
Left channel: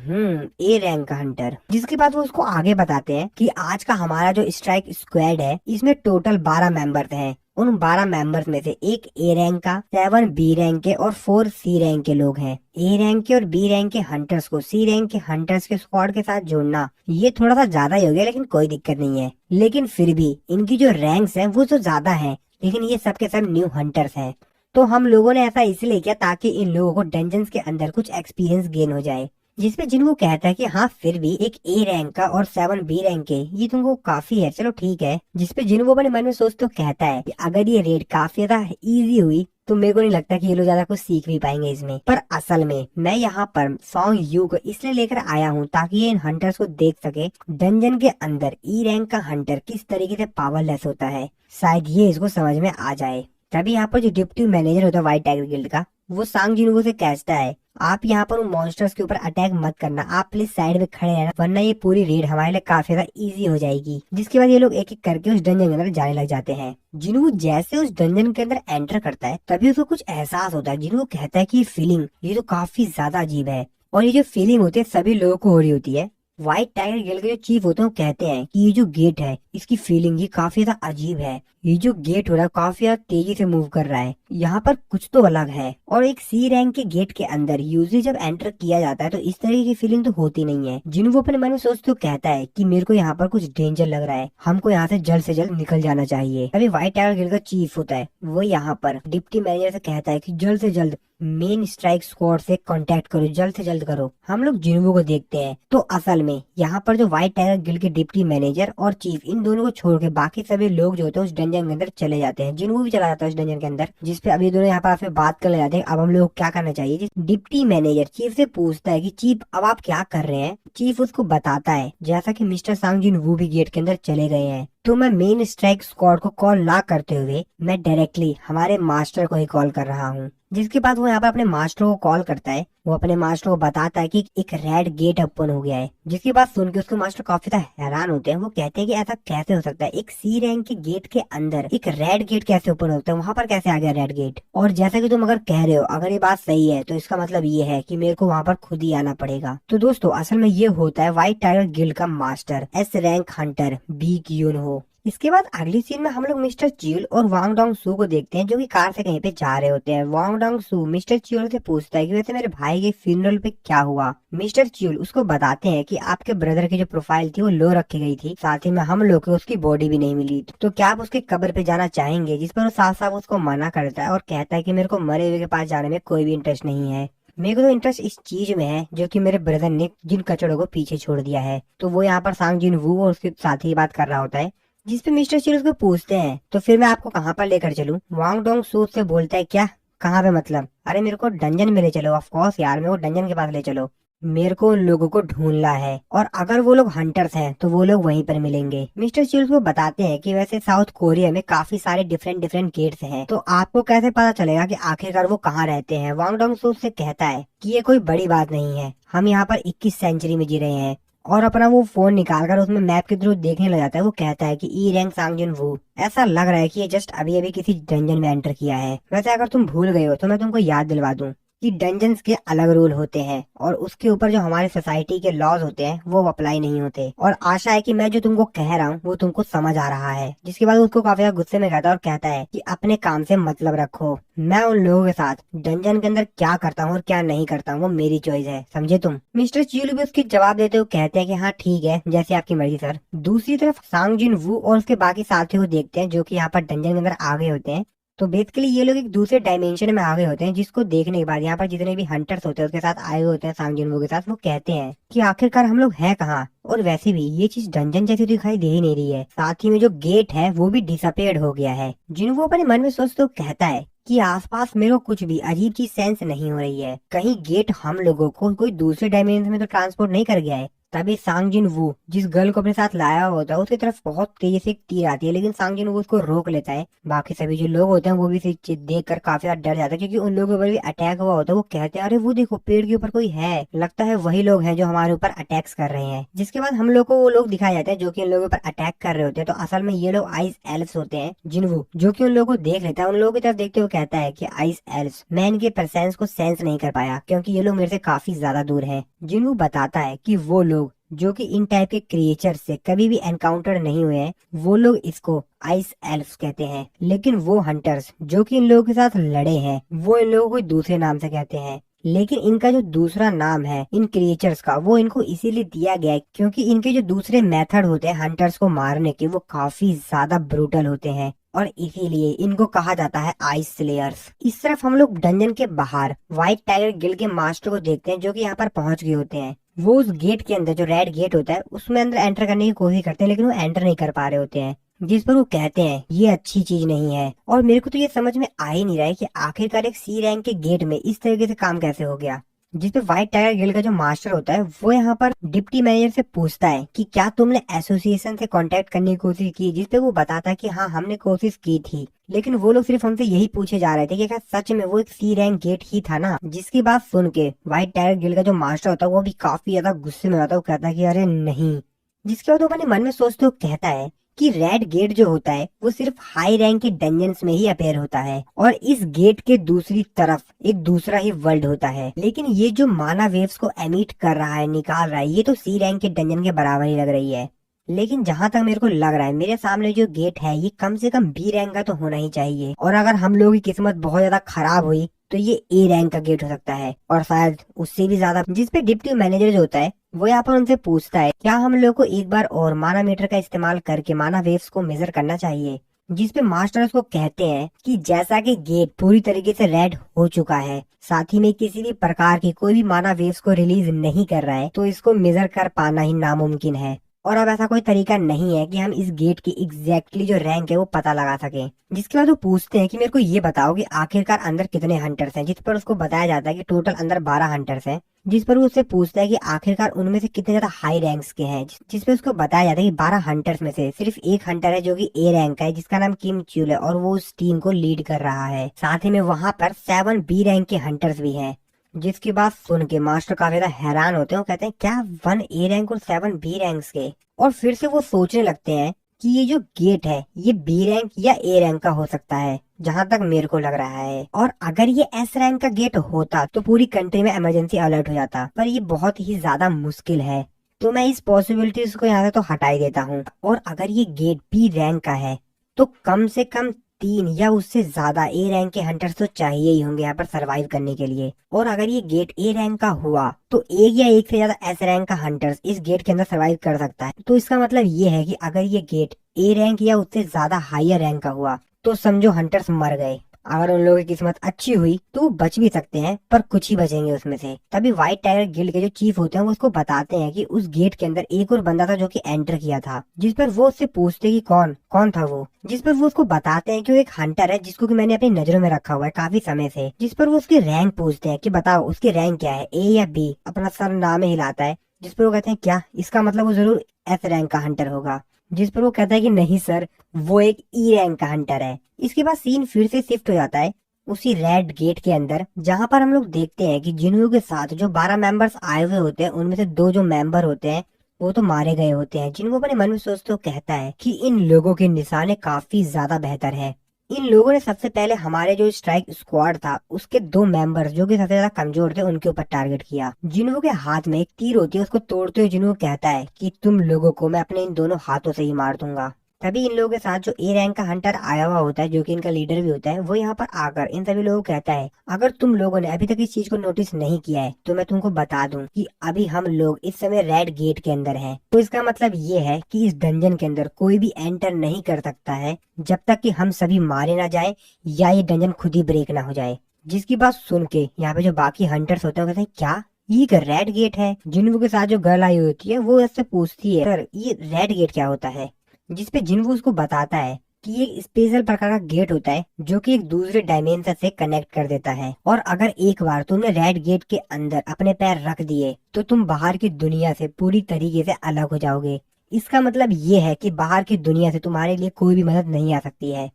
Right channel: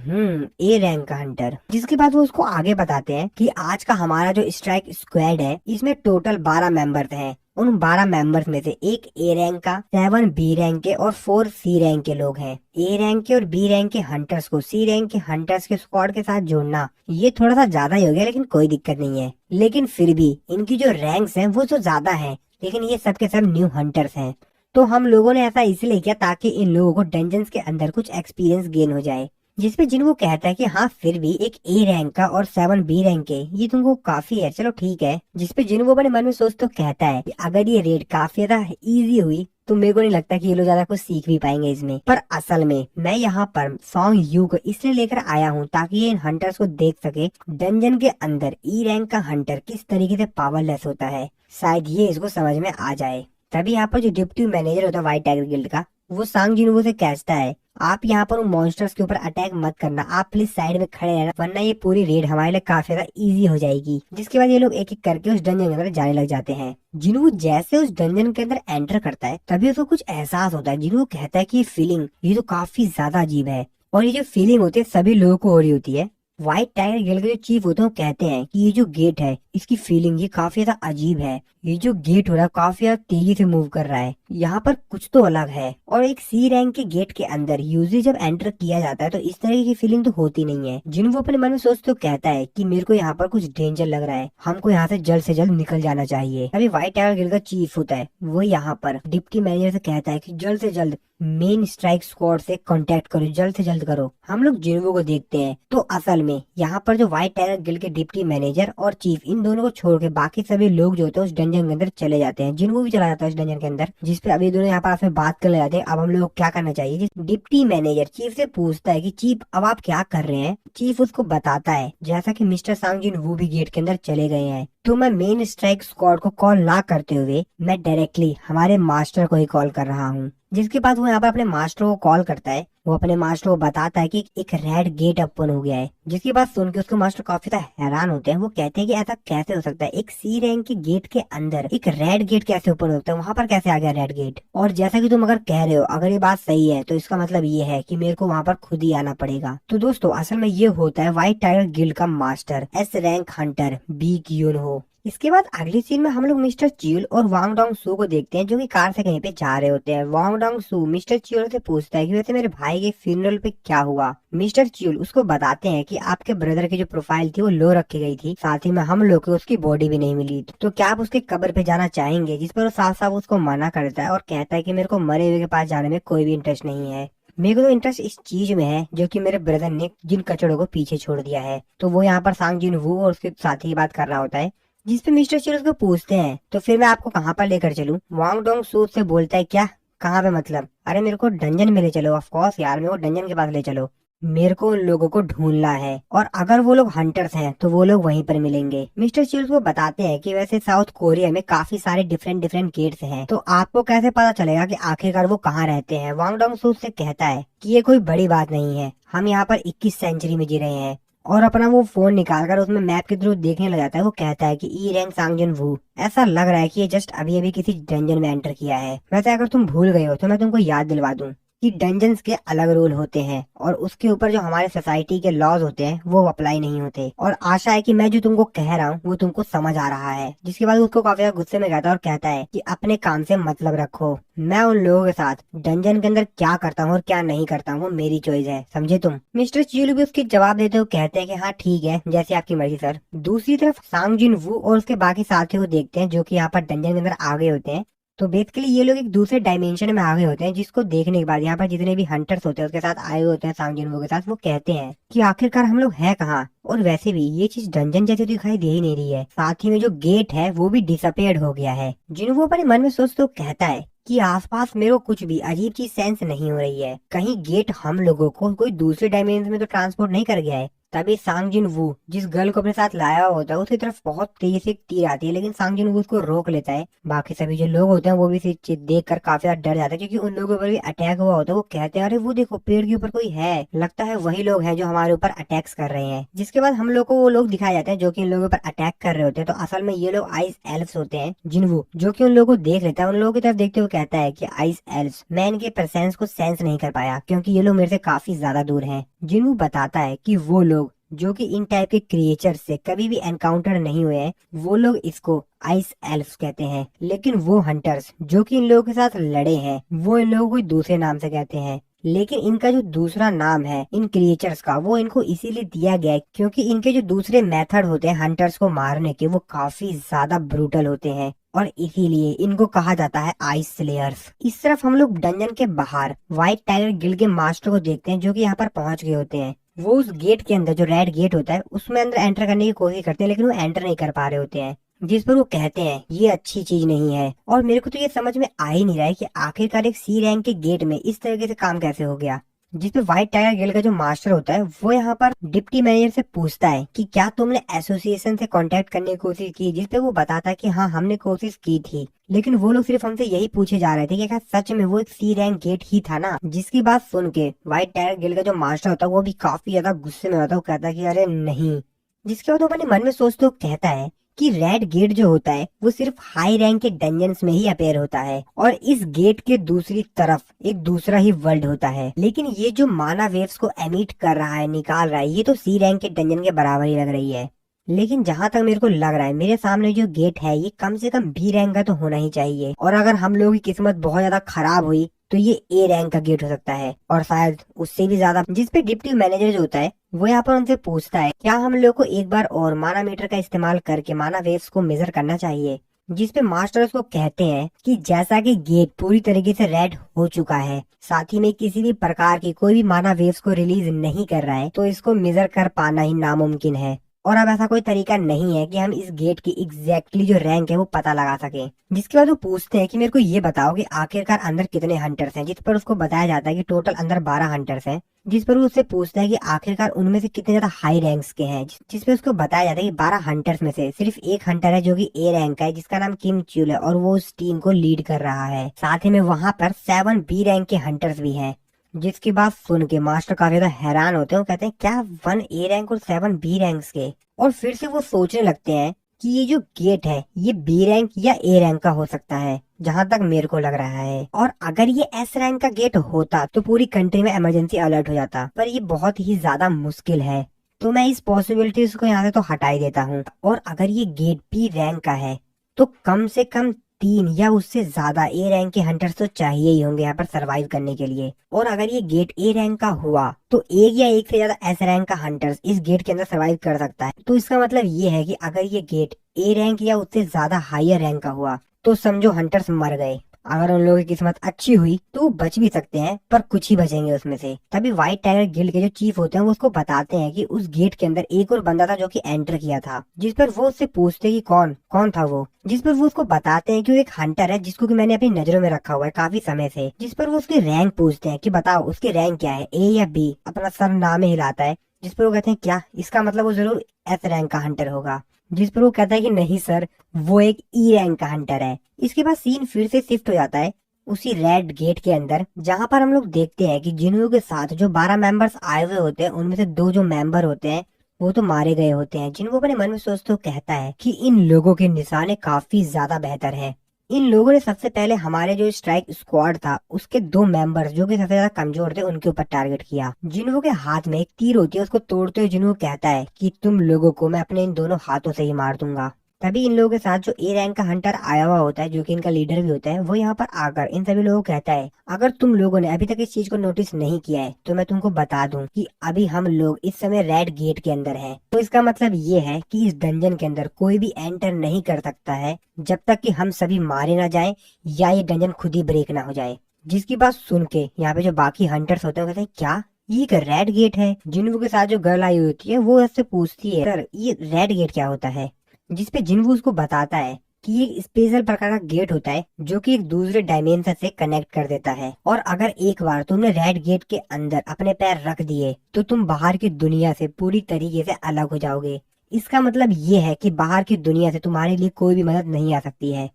ए रैंक का हंटर। जिसके बाद वो उसको आगे बताते हैं कि आज का हमारा जो स्ट्राइक स्क्वाड है इसमें टोटल 12 मेंबर्स हैं। उन 12 मेंबर्स में से एक ए रैंक का, 7 बी रैंक के और 4 सी रैंक के लोग हैं। ए रैंक के और बी रैंक के हंटर्स को सी रैंक के हंटर्स के स्क्वाड के साथ जोड़ना ये थोड़ा सा ज्यादा ही हो गया, लेकिन कोई दिक्कत नहीं है। लेकिन फिर भी इनकी जो रैंक्स हैं वो तो ज्यादा हैं, लेकिन ये सब के सब न्यू हंटर्स हैं। तो हम लोगों ने ऐसा इसलिए किया ताकि इन लोगों को डंजन्स के अंदर कुछ एक्सपीरियंस गेन हो जाए। जिसपे जिनको कहता है कि हाँ फिर भी एक ए रैंक का और 7 बी रैंक के ये तुमको काफी है, चलो ठीक है। जिसपे जिनको अपने मन में सोच तो कहता है कि अगर ये रेड काफी ज्यादा इजी हुई तो मेरे को नहीं लगता कि ये लोग ज्यादा कुछ सीख भी पाएंगे इसमें। पर असल में मैं यहाँ पर सॉन्ग यू को इसलिए लेकर आया हूँ ताकि ये इन हंटर्स को देख सके डंजन के अंदर ई रैंक का हंटर किस तरीके से पावरलेस होता है। शायद ये इसको समझ में आ जाए। तभी यहाँ पर जो डिप्टी मैनेजर होता है व्हाइट टाइगर गिल्ड का, वो सांग जिन्हो से कहता है आप यहाँ पर उन मॉन्स्टर्स के ऊपर अटैक मत करना, आप प्लीज साइड में खड़े रहना, वरना ये पूरी रेड हमारे लिए काफी ज्यादा इजी हो जाएगी। जिसके बाद ये लोग एक एक करके उस डंजन के अंदर जाने लग जाते हैं। जिन्हो जैसे उस डंजन के अंदर एंटर करता है तभी उसको कुछ एहसास होता है। जिन्हो कहता है कि ये फीलिंग ये तो काफी ज्यादा अजीब है, और ये जो फीलिंग होती है सभी लोगों को हो रही होती है। व्हाइट टाइगर गिल्ड के जो चीफ होते हैं वो कहते हैं कि ये जो गेट है इसकी फीलिंग ये काफी ज्यादा अजीब है। ये जो गेट हो रहा है काफी ज्यादा तेजी से मूव कर रहा है, यहाँ पर कुछ तो अलग है। और एक सी रैंक के गेट के अंदर यूजली जब एंटर किया जाता है तो इस तरह की फीलिंग तो होती नहीं है। जिन्हों वो अपने मन में सोचते तो कहता है कि मेरे को यहाँ पर कुछ डेंजर लग रहा है, हमको यहाँ से जल्द निकल जाना चाहिए। अभी व्हाइट टाइगर गिल्ड का चीफ होता है वो यहाँ पर डिप्टी मैनेजर से कहता है कि जल्द से जल्द मेन स्ट्राइक स्क्वाड से कांटेक्ट करो, जल्द से जल्द करो। हम लोग जिन्हो को देखते हैं तो असल में यहाँ पर जो व्हाइट टाइगर गिल्ड के डिप्टी मैनेजर और चीफ इन दोनों को छोड़ के बाकी सभी लोग जो होते हैं उस डंजन के अंदर चले जाते हैं। जिन्हो भी चला जाता है उस डंजन के अंदर, जिसपे अभी दोनों यहाँ पर आपसे बात कर ले जाते हैं अब हम लोग क्या करना चाहिए। डिप्टी मैनेजर चीफ से पूछता है कि चीफ अब आप क्या कर रहे हैं। चीफ उसको बताता है जैसा कि मिस्टर सांग जिन वो भी गेट के अंदर चले गए हैं, तो मैं मेन स्ट्राइक स्क्वाड को कॉल ना करते हुए मैं डायरेक्टली हमारे मास्टर को ही कॉल कर रहा हूँ। जिसके बाद वो यहाँ पर अपने मास्टर को कॉल करता है। वो अपने मास्टर को बताता है कि एक रेड गेट ओपन हो गया है। जिसकी बात सुन के उसके मास्टर काफी ज्यादा हैरान होते हैं। वो कहते हैं कि ऐसा कैसे हो सकता है, एक सी रैंक के गेट के अंदर एक रेड गेट कैसे ओपन होता है, वहाँ पर कैसे आ गया रेड गेट। और जैसा कि तुम अगर कह रहे हो अगर ये बात सही है तो इसका मतलब ये है कि मेरे को वहाँ पर खुद ही आना पड़ेगा। तो दोस्तों असल में ये होता है व्हाइट टाइगर गिल्ड का मास्टर एस रैंक हंटर बी क्यूनहो। इसके बाद अगली सीन में हम लोग मिस्टर चियोल और वांग डोंग सू को देखते हैं जो कि कार से कहीं पे जा रहे होते हैं। वांग डोंग सू मिस्टर चियोल से पूछता है कि वैसे मेरे भाई के फ्यूनरल पे क्या हुआ। मिस्टर चियोल उसको बताते हैं कि आपके ब्रदर की जो प्रोफाइल थी वो लो रखी गई थी, साथ ही में हम लोग को उसकी बॉडी भी नहीं मिली, तो क्या आप उसके कब्र पे जाना चाहेंगे। जिस पर वो साफ साफ उसको मना करता है और कहता है कि मेरे को मरे हुए के पास जाने में कोई भी इंटरेस्ट नहीं है। मेरे को तो इंटरेस्ट इस चीज में है जो कि मेरे ब्रदर ने जिन कचड़ों को पीछे छोड़ दिया है। तो वो यहाँ पर सांग जिन वू और उसके साथ ही बात कर रहा होता है। जिसपे मिस्टर चियोल उसको पूछते हैं तो फिर मैं आपको कहाँ पर लेकर चलूं। वांग डोंग सू से बोलता है क्या, कहाँ पे मतलब, अरे मेरे को डंजन में ले चलो। ऑफ कोर्स यार मेरे को डंजन के पास ले चलो। मेरे को उन लोगों को ढूंढना है और अगर वो लोग हंटर्स हैं तो वो लोग वहीं पर मिलेंगे। मिस्टर चिल्स को बताते हैं कि वैसे साउथ कोरिया में काफी सारे डिफरेंट डिफरेंट गेट्स हैं, तो आपको कैसे पता चलेगा कि आखिरकार वो कहाँ रहते हैं। वांग डोंग सू से कहता है कि ये कोई बड़ी बात नहीं है, हम यहाँ पर 21 सेंचुरी में जी रहे हैं। और अपना वो फोन निकालकर उसमें मैप के थ्रू देखने लग जाता है। वो कहता है कि ई रैंक सांगजिन वू, ऐसा लग रहा है कि ये जस्ट अभी अभी किसी डंजन में एंटर किया है। वैसे अगर तुम भूल गए हो तो मैं तुमको याद दिलवा दूं कि डंजन्स के अलग रूल होते हैं और उसके ऊपर जो हमारे सोसाइटी के लॉज होते हैं वो अप्लाई नहीं होते। और आशा है कि मैं जो तुमको कह रहा हूँ वो तुमको समझ आ रहा है। जिसके बाद उसको काफी ज्यादा गुस्से में कहता है और कहता है कि अपने काम से मतलब रखो, मैं उन लोगों के साथ डंजन के अंदर क्या करता हूँ और क्या नहीं करता हूँ वो मेरी चॉइस है, समझे तुम। मिस्टर चिल भी उसके जवाब देते हुए कहते हैं कि हाँ ठीक है, जैसे आपकी मर्जी सर। दूसरी तरफ सांग जिन वू और उसके बाकी साथियों को देखते हैं जो कि यहाँ पर डंजन के अंदर आ गए होते हैं। तो बेसिकली ये लोग एक दूसरे डायमेंशन में आ गए होते हैं, जिसको देखने के बाद यहाँ पर जितने भी हंटर्स होते हैं उसके साथ आए होते हैं सांग जिनवू के साथ, वो कहते हैं कि आखिरकार हम लोग हैं कहाँ। और वैसे भी ये चीज डंजन जैसी तो दिखाई दे ही नहीं रही है, साथ ही में जो गेट है वो भी डिसअपेयर्ड हो गया है। जिनवू अपने मन में सोचते हुए कहता है कि आसपास मेरे को कुछ भी अजीब चीज सेंस नहीं हो रही है, कहीं गेट हम लोगों को कोई दूसरे डायमेंशन में तो ट्रांसपोर्ट नहीं कर गया है। तभी सांग जिन वू जिस गर्ल को अपने साथ लाया हुआ होता है उसकी तरफ बहुत तेजी से एक तीर आती है, लेकिन सांग जिन वू उसको रोक लेता है। बाकी सभी जो लोग होते हैं वो भी इसे देख कर काफी ज्यादा डर जाते हैं, क्योंकि उन लोगों के ऊपर भी अटैक हुआ होता है। वो कहते हैं अरे वो देखो पेड़ के ऊपर कोई है, लगता है वही लोग हैं जो हमारे ऊपर अटैक्स कर रहे हैं। जिसके बाद हम लोग को वो लोग दिखाए जाते हैं जो कि उन लोगों के ऊपर अटैक कर रहे होते हैं। तो असल में ये लोग आइस एल्फ्स होते हैं। जिनवू जो कि उन लोगों को देख लेता है, उन लोगों की तरफ देखते हुए कहता है कि आइस एल्फ्स, मैं इनके प्रेजेंस को सेंस नहीं कर पाया क्योंकि ये लोग मेरे से काफी ज्यादा दूर हैं। जिनवू बताता है कि वो लोग जो कि इन टाइप के क्रिएचर से कभी भी एनकाउंटर नहीं हुए हैं, वो लोग इसको आइस एल्फ्स कहते हैं। लेकिन वो हंटर्स जो कि इन लोगों के साथ लड़े हैं वो इन लोगों को दूसरे नाम से कहते हैं। लेकिन इनका जो दूसरा नाम है इन क्रिएचर्स का, वो इनको इसीलिए दिया गया है क्योंकि इनके जो दूसरे मेथड होते हैं हंटर्स को मारने के, वो काफी ज्यादा ब्रूटल होते हैं और इसीलिए इनको कहा जाता है आइस स्लेयर्स। इस तरफ हम लोग डंजन के बाहर व्हाइट टाइगर गिल्ड के मास्टर को देखते हैं जो कि यहाँ पर पहुंच गए होते हैं। वो उस गेट के अंदर, जो रेड गेट होता है, उसमें अंदर एंटर करने की कोशिश करते हैं लेकिन वो एंटर नहीं कर पा रहे होते हैं। जिस पर वो कहते हैं ये अच्छी चीज नहीं है। और मेरे को तो ये समझ में आ ही नहीं रहा है कि आखिरकार एक सी रैंक के गेट में इस तरीके से काम कैसे हो गया। जिसपे व्हाइट टाइगर गिल्ड का जो मास्टर होता है वो यहाँ पर डिप्टी मैनेजर से पूछता है कि क्या तुमने एसोसिएशन से कांटेक्ट करने की कोशिश की, जिसपे वो बताता है कि हाँ हमने कोशिश की थी, लेकिन वो लोग सिर्फ हमसे यही पूछे जा रहे थे कि क्या सच में वो एक सी रैंक गेट ही था ना। जिसकी बात सुन के व्हाइट टाइगर गिल्ड का जो मास्टर होता है वो भी काफी ज्यादा गुस्से में होता है। वो कहता है कि अरे नहीं। जिसके बाद वो अपने मन में सोचते हुए कहता है कि रेड गेट जो होता है वो सिर्फ हाई रैंक के डंजन्स में ही अपेयर होता है और इस गेट के दूसरी तरफ एक दूसरा ही वर्ल्ड होता है। लेकिन ये जो माना वेव्स को एमिट कर रहा है, निकाल रहा है, ये तो सी रैंक के डंजन के बराबर ही लग रही है। लेकिन जहाँ तक मेरे को लग रहा है मेरे सामने जो गेट है ये कम से कम बी रैंक का तो होना ही चाहिए, और अगर हम लोगों की किस्मत बहुत ज्यादा खराब हुई तो ये ए रैंक का गेट हो सकता है और शायद उससे भी ज्यादा। जिसपे डिप्टी मैनेजर जो होता है वो यहाँ पर उनसे पूछता है क्या हम लोग को एक बार और मानामीटर का इस्तेमाल करके माना वेव्स को मेजर करना चाहिए। जिसपे मास्टर उसको कहते हैं कि जैसा कि गेट पूरी तरीके से रेड हो चुका है, साथ ही में किसी भी प्रकार की कोई भी माना वेव्स को रिलीज नहीं कर रहा है, तो इसको मेजर कर पाना ही नामुमकिन है। और अब ऐसा कोई तरीका नहीं है कि हम इस गेट की एग्जैक्टली जो रैंक है वो पता लगा सके। जिसके बाद वो पूछते हैं कि मेरे को ये बताओ कि आखिरकार अंदर कितने हंटर्स हैं। जिस पर उसको बताया जाता है कि टोटल अंदर 12 हंटर्स हैं। जिस पर वो उससे पूछता है कि आखिरकार उनमें से कितने ज्यादा हाई रैंक्स के हैं। जिस पे उसको बताया जाता है कि 12 हंटर्स में से सिर्फ एक हंटर है जो कि ए रैंक का है, जिसका नाम किम च्यूल है और वो उस टीम को लीड कर रहा है। साथ ही में वहाँ पर 7 बी रैंक के हंटर्स भी हैं। जिसकी बात सुन के मास्टर काफी ज्यादा हैरान होते हैं। वो कहते हैं क्या 1 ए रैंक और 7 बी रैंक्स के। और फिर से वो सोचने लगते हैं कि ये जो गेट है ये बी रैंक या ए रैंक का हो सकता है, जहाँ तक मेरे को लग रहा है। और अगर ये एस रैंक का गेट होता तो पूरी कंट्री में इमरजेंसी अलर्ट हो जाता, पर ये बहुत ही ज्यादा मुश्किल है, तो मैं इस पॉसिबिलिटीज को यहाँ से तो हटा ही देता हूँ। और अगर ये गेट बी रैंक का है तो कम से कम 3 या उससे ज्यादा ए रैंक के हंटर्स तो चाहिए ही होंगे यहाँ पर सरवाइव करने के लिए। और अगर ये गेट ए रैंक का हुआ तो एक या एक से ज्यादा एस रैंक का हंटर्स इस गेट के अंदर सरवाइव कर सकता है। तो इसका मतलब ये है कि अगर ये गेट ए रैंक या उससे ज्यादा हायर रैंक का हुआ तो समझो हंटर्स मर गए। अगर उन लोगों की किस्मत अच्छी हुई तो वो बच भी सकते हैं, पर कुछ ही बचेंगे उसमें से। तभी व्हाइट टाइगर गिल्ड के जो चीफ होते हैं वो उसको बताते हैं कि उस गेट के अंदर एक और बंदा था जो कि एंटर किया था, जिस पर वो उससे पूछते कि कौन कौन था वो, जिस पर वो उसको बताते हैं कि वो एक हंटर है जिसको कि मैंने अपनी नजरों में रखा हुआ है काफी समय से। जिस पर वो उसकी रैंक पूछते हैं कि बताओ उसकी रैंक क्या है, ए या बी। अपना सर नाम हिलाता है, जिस पर वो कहते हैं क्या, इसका मतलब वो जरूर एस रैंक का हंटर होगा। जिस पर वो कहता है कि नहीं सर, वो एक ई रैंक का हंटर है। इसके बाद सीन फिर से शिफ्ट हो जाता है उसी रेड गेट के अंदर, जहां पर हम लोग देखते हैं कि जिन्हों के साथ जो 12 मेंबर्स आए हुए होते हैं उनमें से 2 जो मेंबर होते हैं वो तो मारे गए होते हैं। जिनको अपने मन में सोचते हुए कहता है कि इन लोगों के निशाने काफी ज्यादा बेहतर है। इन लोगों ने सबसे पहले हमारे जो स्ट्राइक स्क्वाड था उसके 2 मेंबर्स जो कि सबसे ज्यादा कमजोर थे उनके ऊपर टारगेट किया। जिन्हों के हाथ में एक तीर होती है उसको तोड़ते हुए जिन्हों कहता है कि तुम लोगों को मैं अपने इन दोनों हाथों से ही मार दूंगा। तभी इन लोगों के साथ जो ए रैंक का हंटर आया हुआ होता है जो कि इनका लीडर भी होता है, वो यहाँ पर आकर इन सभी लोगों को कहता है अगर तुम लोगों ने अभी तक इस चीज को नोटिस नहीं किया है तो मैं तुमको बता दूं कि अभी हम लोग इस समय रेड गेट के अंदर हैं। तो इसका मतलब ये है कि इस डंजन के अंदर कोई भी एंटर नहीं कर सकता है जब तक कि हम सभी मारे ना जाए या ये डंजन खुद ही ब्रेक ना हो जाए। जिसकी बात सुन के यहाँ पे जो बाकी हंटर्स होते हैं वो कहते हैं क्या, ये एक रेड गेट है। जिन्हों के साथ जो गर्ल आई होती है वो उससे पूछती है सर ये रेड गेट क्या होता है, जिसपे जिन्हों उसको बताता है कि ये स्पेशल प्रकार का गेट होता है जो कि एक दूसरे डायमेंशन से कनेक्ट कर देता है, और अगर एक बार तुमने रेड गेट के अंदर अपने पैर रख दिए तो तुम बाहर की दुनिया से पूरी तरीके से अलग हो जाओगे। इसका मतलब ये है कि बाहर की दुनिया से तुम्हारे लिए कोई भी मदद नहीं आ सकती है,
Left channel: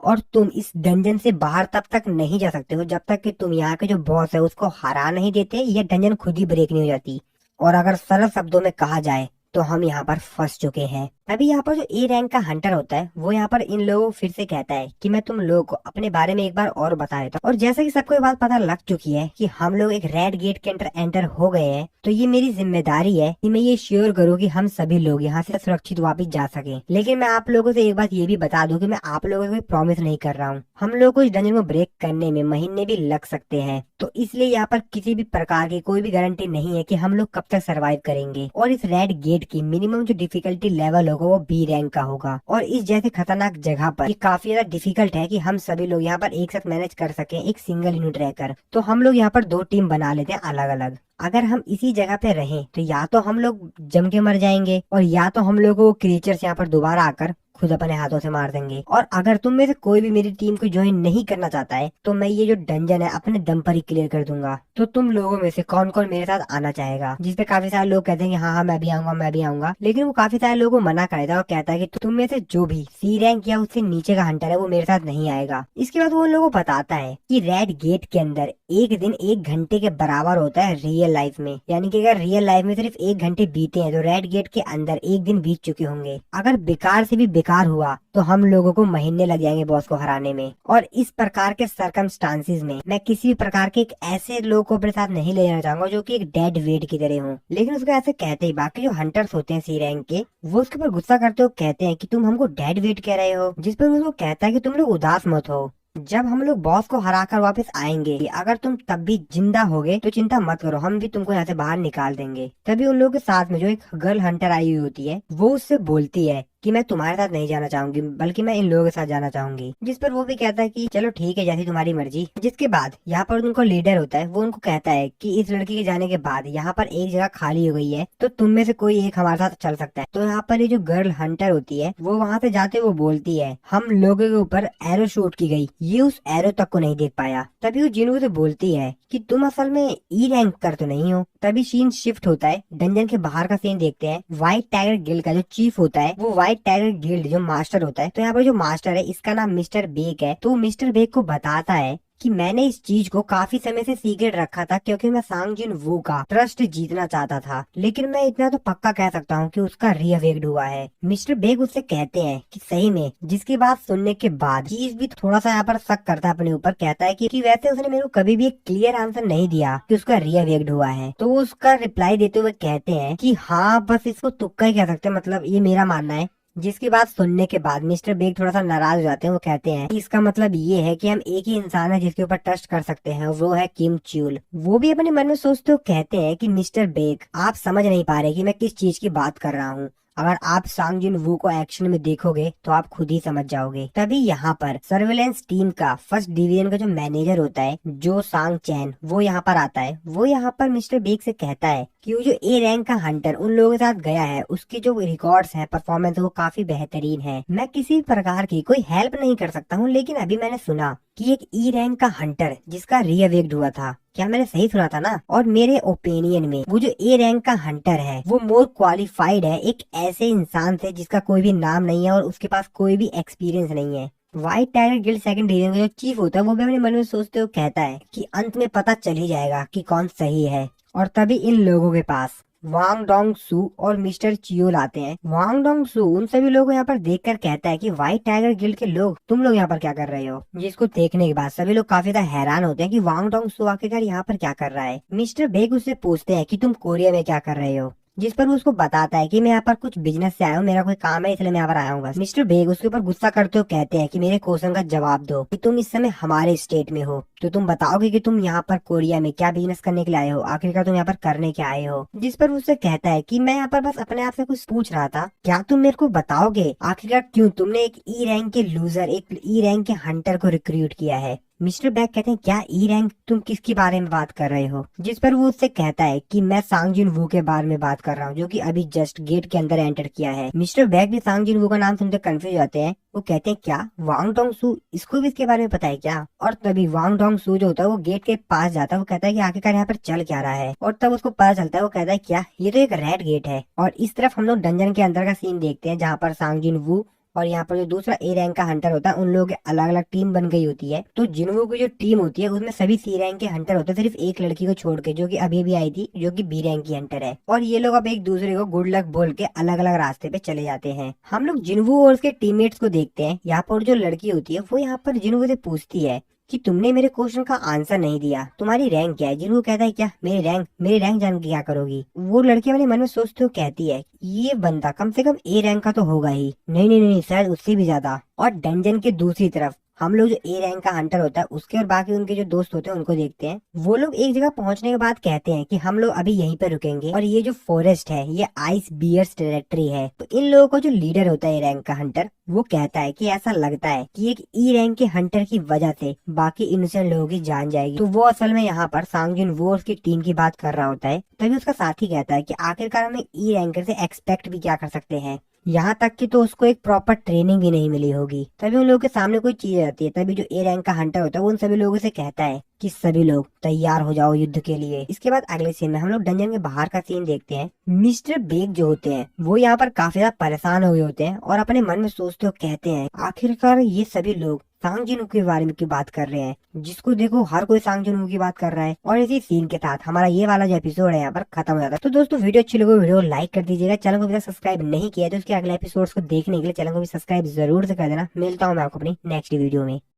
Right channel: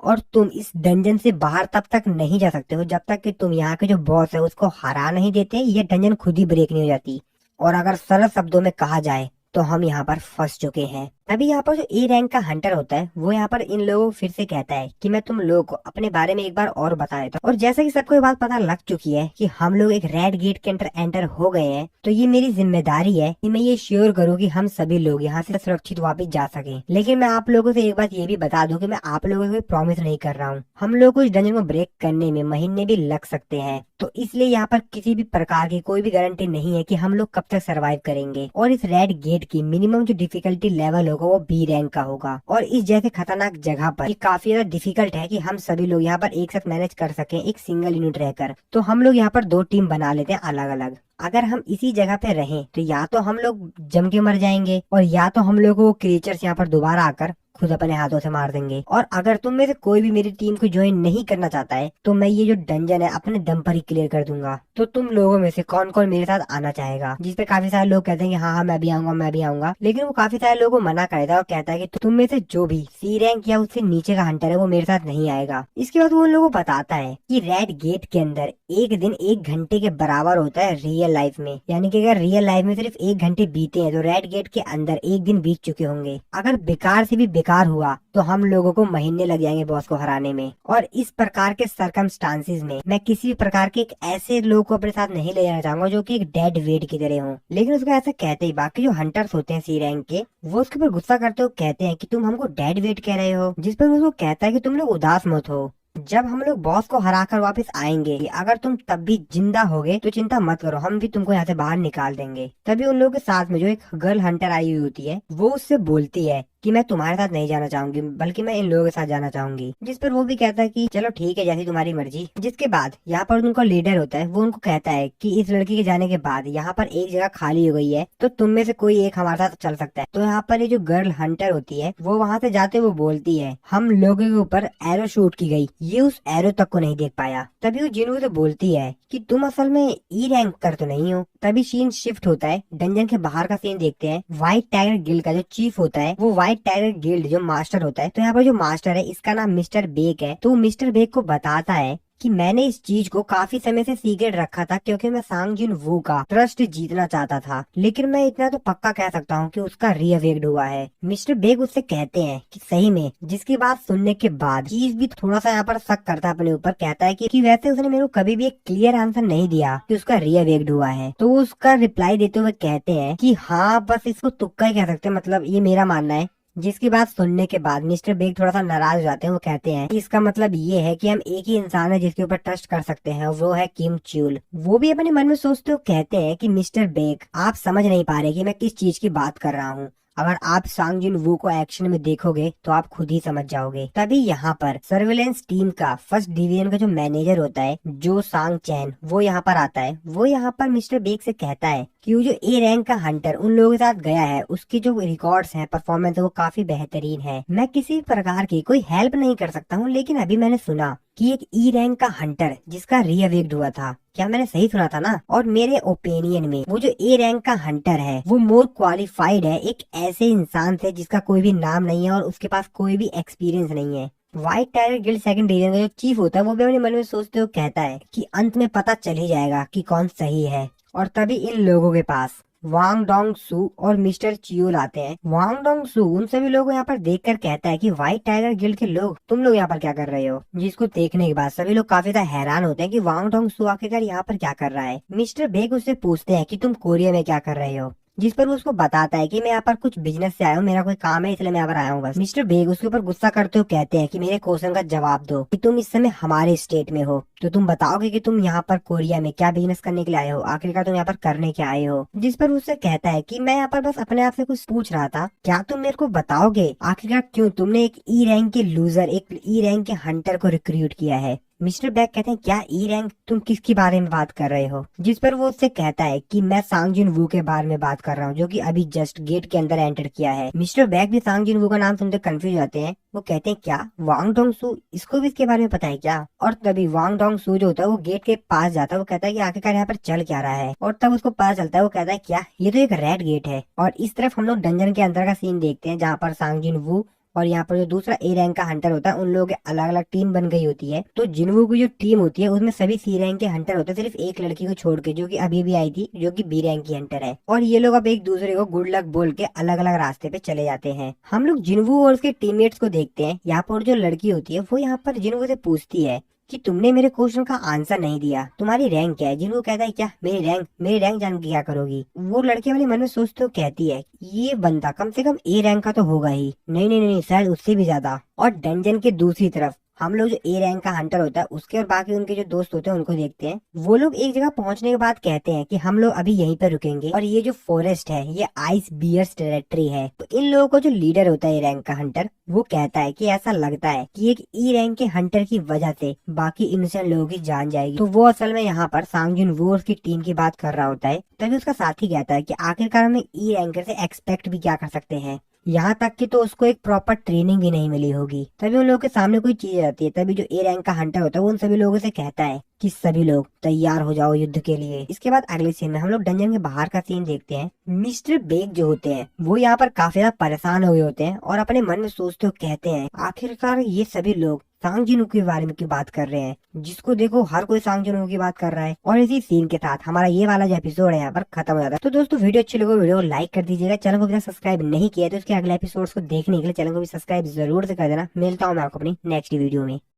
और तुम इस डंजन से बाहर तब तक नहीं जा सकते हो जब तक कि तुम यहाँ के जो बॉस है उसको हरा नहीं देते या डंजन खुद ही ब्रेक नहीं हो जाती। और अगर सरल शब्दों में कहा जाए तो हम यहाँ पर फंस चुके हैं। तभी यहाँ पर जो ए रैंक का हंटर होता है वो यहाँ पर इन लोगों को फिर से कहता है कि मैं तुम लोगों को अपने बारे में एक बार और बता देता हूँ। और जैसा कि सबको ये बात पता लग चुकी है कि हम लोग एक रेड गेट के अंदर एंटर हो गए हैं, तो ये मेरी जिम्मेदारी है कि मैं ये श्योर करूँ कि हम सभी लोग यहाँ से सुरक्षित वापस जा सके। लेकिन मैं आप लोगों से एक बात ये भी बता दूं कि मैं आप लोगों को प्रॉमिस नहीं कर रहा हूँ। हम लोग को इस डंजन को ब्रेक करने में महीने भी लग सकते हैं, तो इसलिए यहाँ पर किसी भी प्रकार की कोई भी गारंटी नहीं है कि हम लोग कब तक सर्वाइव करेंगे। और इस रेड गेट की मिनिमम जो डिफिकल्टी लेवल होगा वो बी रैंक का होगा, और इस जैसी खतरनाक जगह पर ये काफी ज्यादा डिफिकल्ट है कि हम सभी लोग यहाँ पर एक साथ मैनेज कर सकें एक सिंगल यूनिट रहकर। तो हम लोग यहाँ पर 2 टीम बना लेते हैं अलग अलग। अगर हम इसी जगह पे रहें तो या तो हम लोग जम के मर जाएंगे, और या तो हम लोग वो क्रिएचर्स यहाँ पर दोबारा आकर खुद अपने हाथों से मार देंगे। और अगर तुम में से कोई भी मेरी टीम को ज्वाइन नहीं करना चाहता है तो मैं ये जो डंजन है अपने दम पर ही क्लियर कर दूंगा। तो तुम लोगों में से कौन कौन मेरे साथ आना चाहेगा? जिसपे काफी सारे लोग कहते हैं कि हाँ हाँ मैं भी आऊंगा मैं भी आऊंगा, लेकिन वो काफी सारे लोगों को मना कर देता है और कहता है कि तुम में से जो भी सी रैंक या उससे नीचे का हंटर है वो मेरे साथ नहीं आएगा। इसके बाद वो उन लोगों को बताता है कि रेड गेट के अंदर एक दिन 1 घंटे के बराबर होता है रियल लाइफ में। यानी कि अगर रियल लाइफ में सिर्फ 1 घंटे बीते हैं तो रेड गेट के अंदर 1 दिन बीत चुके होंगे। अगर बेकार से भी बेकार हुआ तो हम लोगों को महीने लग जाएंगे बॉस को हराने में। और इस प्रकार के सरकमस्टांसिस में मैं किसी भी प्रकार के एक ऐसे लोग को अपने साथ नहीं ले जाना चाहूंगा जो कि एक डेड वेट की तरह हो। लेकिन उसको ऐसे कहते ही बाकी जो हंटर्स होते हैं सी रैंक के वो उसके ऊपर गुस्सा करते हुए कहते हैं कि तुम हमको डेड वेट कह रहे हो। जिस पर वो उसको कहता है कि तुम लोग उदास मत हो, जब हम लोग बॉस को हराकर वापस आएंगे अगर तुम तब भी जिंदा होगे तो चिंता मत करो, हम भी तुमको यहाँ से बाहर निकाल देंगे। तभी उन लोगों के साथ में जो एक गर्ल हंटर आई हुई होती है वो उससे बोलती है कि मैं तुम्हारे साथ नहीं जाना चाहूंगी बल्कि मैं इन लोगों के साथ जाना चाहूंगी। जिस पर वो भी कहता है कि चलो ठीक है जैसी तुम्हारी मर्जी। जिसके बाद यहाँ पर उनको लीडर होता है वो उनको कहता है कि इस लड़की के जाने के बाद यहाँ पर एक जगह खाली हो गई है तो तुम में से कोई एक हमारे साथ चल सकता है। तो यहाँ पर ये जो गर्ल हंटर होती है वो वहाँ से जाते वो बोलती है हम लोगों के ऊपर एरो शूट की गई, ये उस एरो तक को नहीं देख पाया। तभी वो जिन्हों से बोलती है कि तुम असल में ई रैंक कर तो नहीं हो। तभी सीन शिफ्ट होता है, डंजन के बाहर का सीन देखते हैं। व्हाइट टाइगर गिल्ड का जो चीफ होता है वो व्हाइट टाइगर गिल्ड जो मास्टर होता है, तो यहाँ पर जो मास्टर है इसका नाम मिस्टर बेक है। तो मिस्टर बेक को बताता है कि मैंने इस चीज को काफी समय से सीक्रेट रखा था क्योंकि मैं सांग जिन वू का ट्रस्ट जीतना चाहता था, लेकिन मैं इतना तो पक्का कह सकता हूँ कि उसका रीअवेक्ड हुआ है। मिस्टर बेग उससे कहते हैं कि सही में, जिसकी बात सुनने के बाद चीज भी थोड़ा सा यहाँ पर शक करता है अपने ऊपर। कहता है कि वैसे उसने मेरे को कभी भी एक क्लियर आंसर नहीं दिया कि उसका रीअवेक्ड हुआ है। तो वो उसका रिप्लाई देते हुए कहते हैं कि हाँ बस इसको तुक्का ही कह सकते हैं, मतलब ये मेरा मानना है। जिसकी बात सुनने के बाद मिस्टर बेग थोड़ा सा नाराज हो जाते हैं। वो कहते हैं कि इसका मतलब ये है कि हम एक ही इंसान है जिसके ऊपर ट्रस्ट कर सकते हैं, वो है किम च्यूल। वो भी अपने मन में सोचते हुए कहते हैं कि मिस्टर बेग आप समझ नहीं पा रहे कि मैं किस चीज की बात कर रहा हूँ। अगर आप सांग जिन वू को एक्शन में देखोगे तो आप खुद ही समझ जाओगे। तभी यहाँ पर सर्विलेंस टीम का फर्स्ट डिवीजन का जो मैनेजर होता है जो सांग चैन, वो यहाँ पर आता है। वो यहाँ पर मिस्टर बेग से कहता है कि वो जो ए रैंक का हंटर उन लोगों के साथ गया है, उसके जो रिकॉर्ड्स है, परफॉर्मेंस है, वो काफी बेहतरीन है। मैं किसी प्रकार की कोई हेल्प नहीं कर सकता हूँ, लेकिन अभी मैंने सुना कि एक ई रैंक का हंटर जिसका रीअवेक्ड हुआ था, क्या मैंने सही सुना था ना? और मेरे ओपिनियन में वो जो ए रैंक का हंटर है वो मोर क्वालिफाइड है एक ऐसे इंसान से जिसका कोई भी नाम नहीं है और उसके पास कोई भी एक्सपीरियंस नहीं है। White tiger guild second division का जो चीफ होता है वो भी अपने मन में सोचते हुए कहता है कि अंत में पता चल ही जाएगा कि कौन सही है। और तभी इन लोगों के पास वांग डोंग सू और मिस्टर चियोल आते हैं। वांग डोंग सू उन सभी लोगों को यहाँ पर देखकर कहता है कि व्हाइट टाइगर गिल्ड के लोग, तुम लोग यहाँ पर क्या कर रहे हो? जिसको देखने के बाद सभी लोग काफी ज्यादा हैरान होते हैं कि वांग डोंग सू आखिरकार यहाँ पर क्या कर रहा है। मिस्टर बेग उससे पूछते हैं कि तुम कोरिया में क्या कर रहे हो, जिस पर वो उसको बताता है कि मैं यहाँ पर कुछ बिजनेस से आया हूँ, मेरा कोई काम है इसलिए मैं यहाँ पर आया हूँ बस। मिस्टर बेग उसके ऊपर गुस्सा करते हो कहते हैं कि मेरे क्वेश्चन का जवाब दो कि तुम इस समय हमारे स्टेट में हो तो तुम बताओगे कि तुम यहाँ पर कोरिया में क्या बिजनेस करने के लिए आए हो, आखिरकार तुम यहाँ पर करने क्या आए हो। जिस पर उससे कहता है कि मैं यहाँ पर बस अपने आप से कुछ पूछ रहा था, क्या तुम मेरे को बताओगे आखिरकार क्यों तुमने एक ई रैंक के लूजर, एक ई रैंक के हंटर को रिक्रूट किया है। मिस्टर बैग कहते हैं क्या ई रैंक, तुम किसके बारे में बात कर रहे हो? जिस पर वो उससे कहता है कि मैं सांग जिन वू के बारे में बात कर रहा हूँ जो कि अभी जस्ट गेट के अंदर एंटर किया है। मिस्टर बैग भी सांग जिन वू का नाम सुनकर कंफ्यूज होते हैं। वो कहते हैं क्या वांग डोंग सू, इसको भी इसके बारे में पता है क्या? और तभी वांग डोंग सू जो होता है वो गेट के पास जाता है। वो कहता है कि आखिरकार यहाँ पर चल क्या रहा है, और तब उसको पता चलता है। वो कहता है क्या ये तो एक रेड गेट है। और इस तरफ हम लोग डंजन के अंदर का सीन देखते हैं जहाँ पर सांग जिन वू और यहाँ पर जो दूसरा ए रैंक का हंटर होता है उन लोगों की अलग अलग टीम बन गई होती है। तो जिनवू की जो टीम होती है उसमें सभी सी रैंक के हंटर होते हैं, सिर्फ एक लड़की को छोड़ के जो कि अभी भी आई थी, जो कि बी रैंक की हंटर है। और ये लोग अब एक दूसरे को गुड लक बोल के अलग अलग रास्ते पे चले जाते हैं। हम लोग जिनवू और उसके टीममेट्स को देखते हैं। यहाँ पर जो लड़की होती है वो यहाँ पर जिनवू से पूछती है कि तुमने मेरे क्वेश्चन का आंसर नहीं दिया, तुम्हारी रैंक क्या है? जिन्हों कहता है क्या मेरी रैंक जान के क्या करोगी? वो लड़की अपने मन में सोचते हुए कहती है ये बंदा कम से कम ए रैंक का तो होगा ही, नहीं नहीं नहीं शायद उससे भी ज्यादा। और डंजन के दूसरी तरफ हम लोग जो ए रैंक का हंटर होता है उसके और बाकी उनके जो दोस्त होते हैं उनको देखते हैं। वो लोग एक जगह पहुंचने के बाद कहते हैं कि हम लोग अभी यहीं पर रुकेंगे और ये जो फॉरेस्ट है ये आइस बियर्स टेरिटरी है। तो इन लोगों का जो लीडर होता है ए रैंक का हंटर वो कहता है कि ऐसा लगता है कि एक ई रैंक के हंटर की वजह से बाकी इनोसेंट लोगों की जान जाएगी। तो वो असल में यहाँ पर सांगजुन वो की टीम की बात कर रहा होता है। तभी उसका साथी कहता है कि आखिरकार हम ई रैंकर से एक्सपेक्ट भी क्या कर सकते हैं, यहाँ तक कि तो उसको एक प्रॉपर ट्रेनिंग भी नहीं मिली होगी। तभी उन लोगों के सामने कोई चीज आती है। तभी जो ए रैंक का हंटर होता है वो उन सभी लोगों से कहता है कि सभी लोग तैयार हो जाओ युद्ध के लिए। इसके बाद अगले सीन में हम लोग डंजन के बाहर का सीन देखते हैं। मिस्टर बेग जो होते हैं वो यहाँ पर काफी ज्यादा परेशान हो गए होते हैं और अपने मन में सोचते हुए कहते हैं आखिरकार ये सभी लोग सांग जिनू के बारे में क्यों बात कर रहे हैं? जिसको देखो हर कोई सांग जिनू की बात कर रहा है। और इसी सीन के साथ हमारा ये वाला जो एपिसोड है यहाँ पर खत्म हो जाता है। तो दोस्तों वीडियो अच्छी लगे वीडियो लाइक कर दीजिएगा। चैनल को अभी तक सब्सक्राइब नहीं किया तो इसके अगले एपिसोड्स को देखने के लिए चैनल को भी सब्सक्राइब जरूर से कर देना। मिलता हूँ मैं आपको अपनी नेक्स्ट वीडियो में।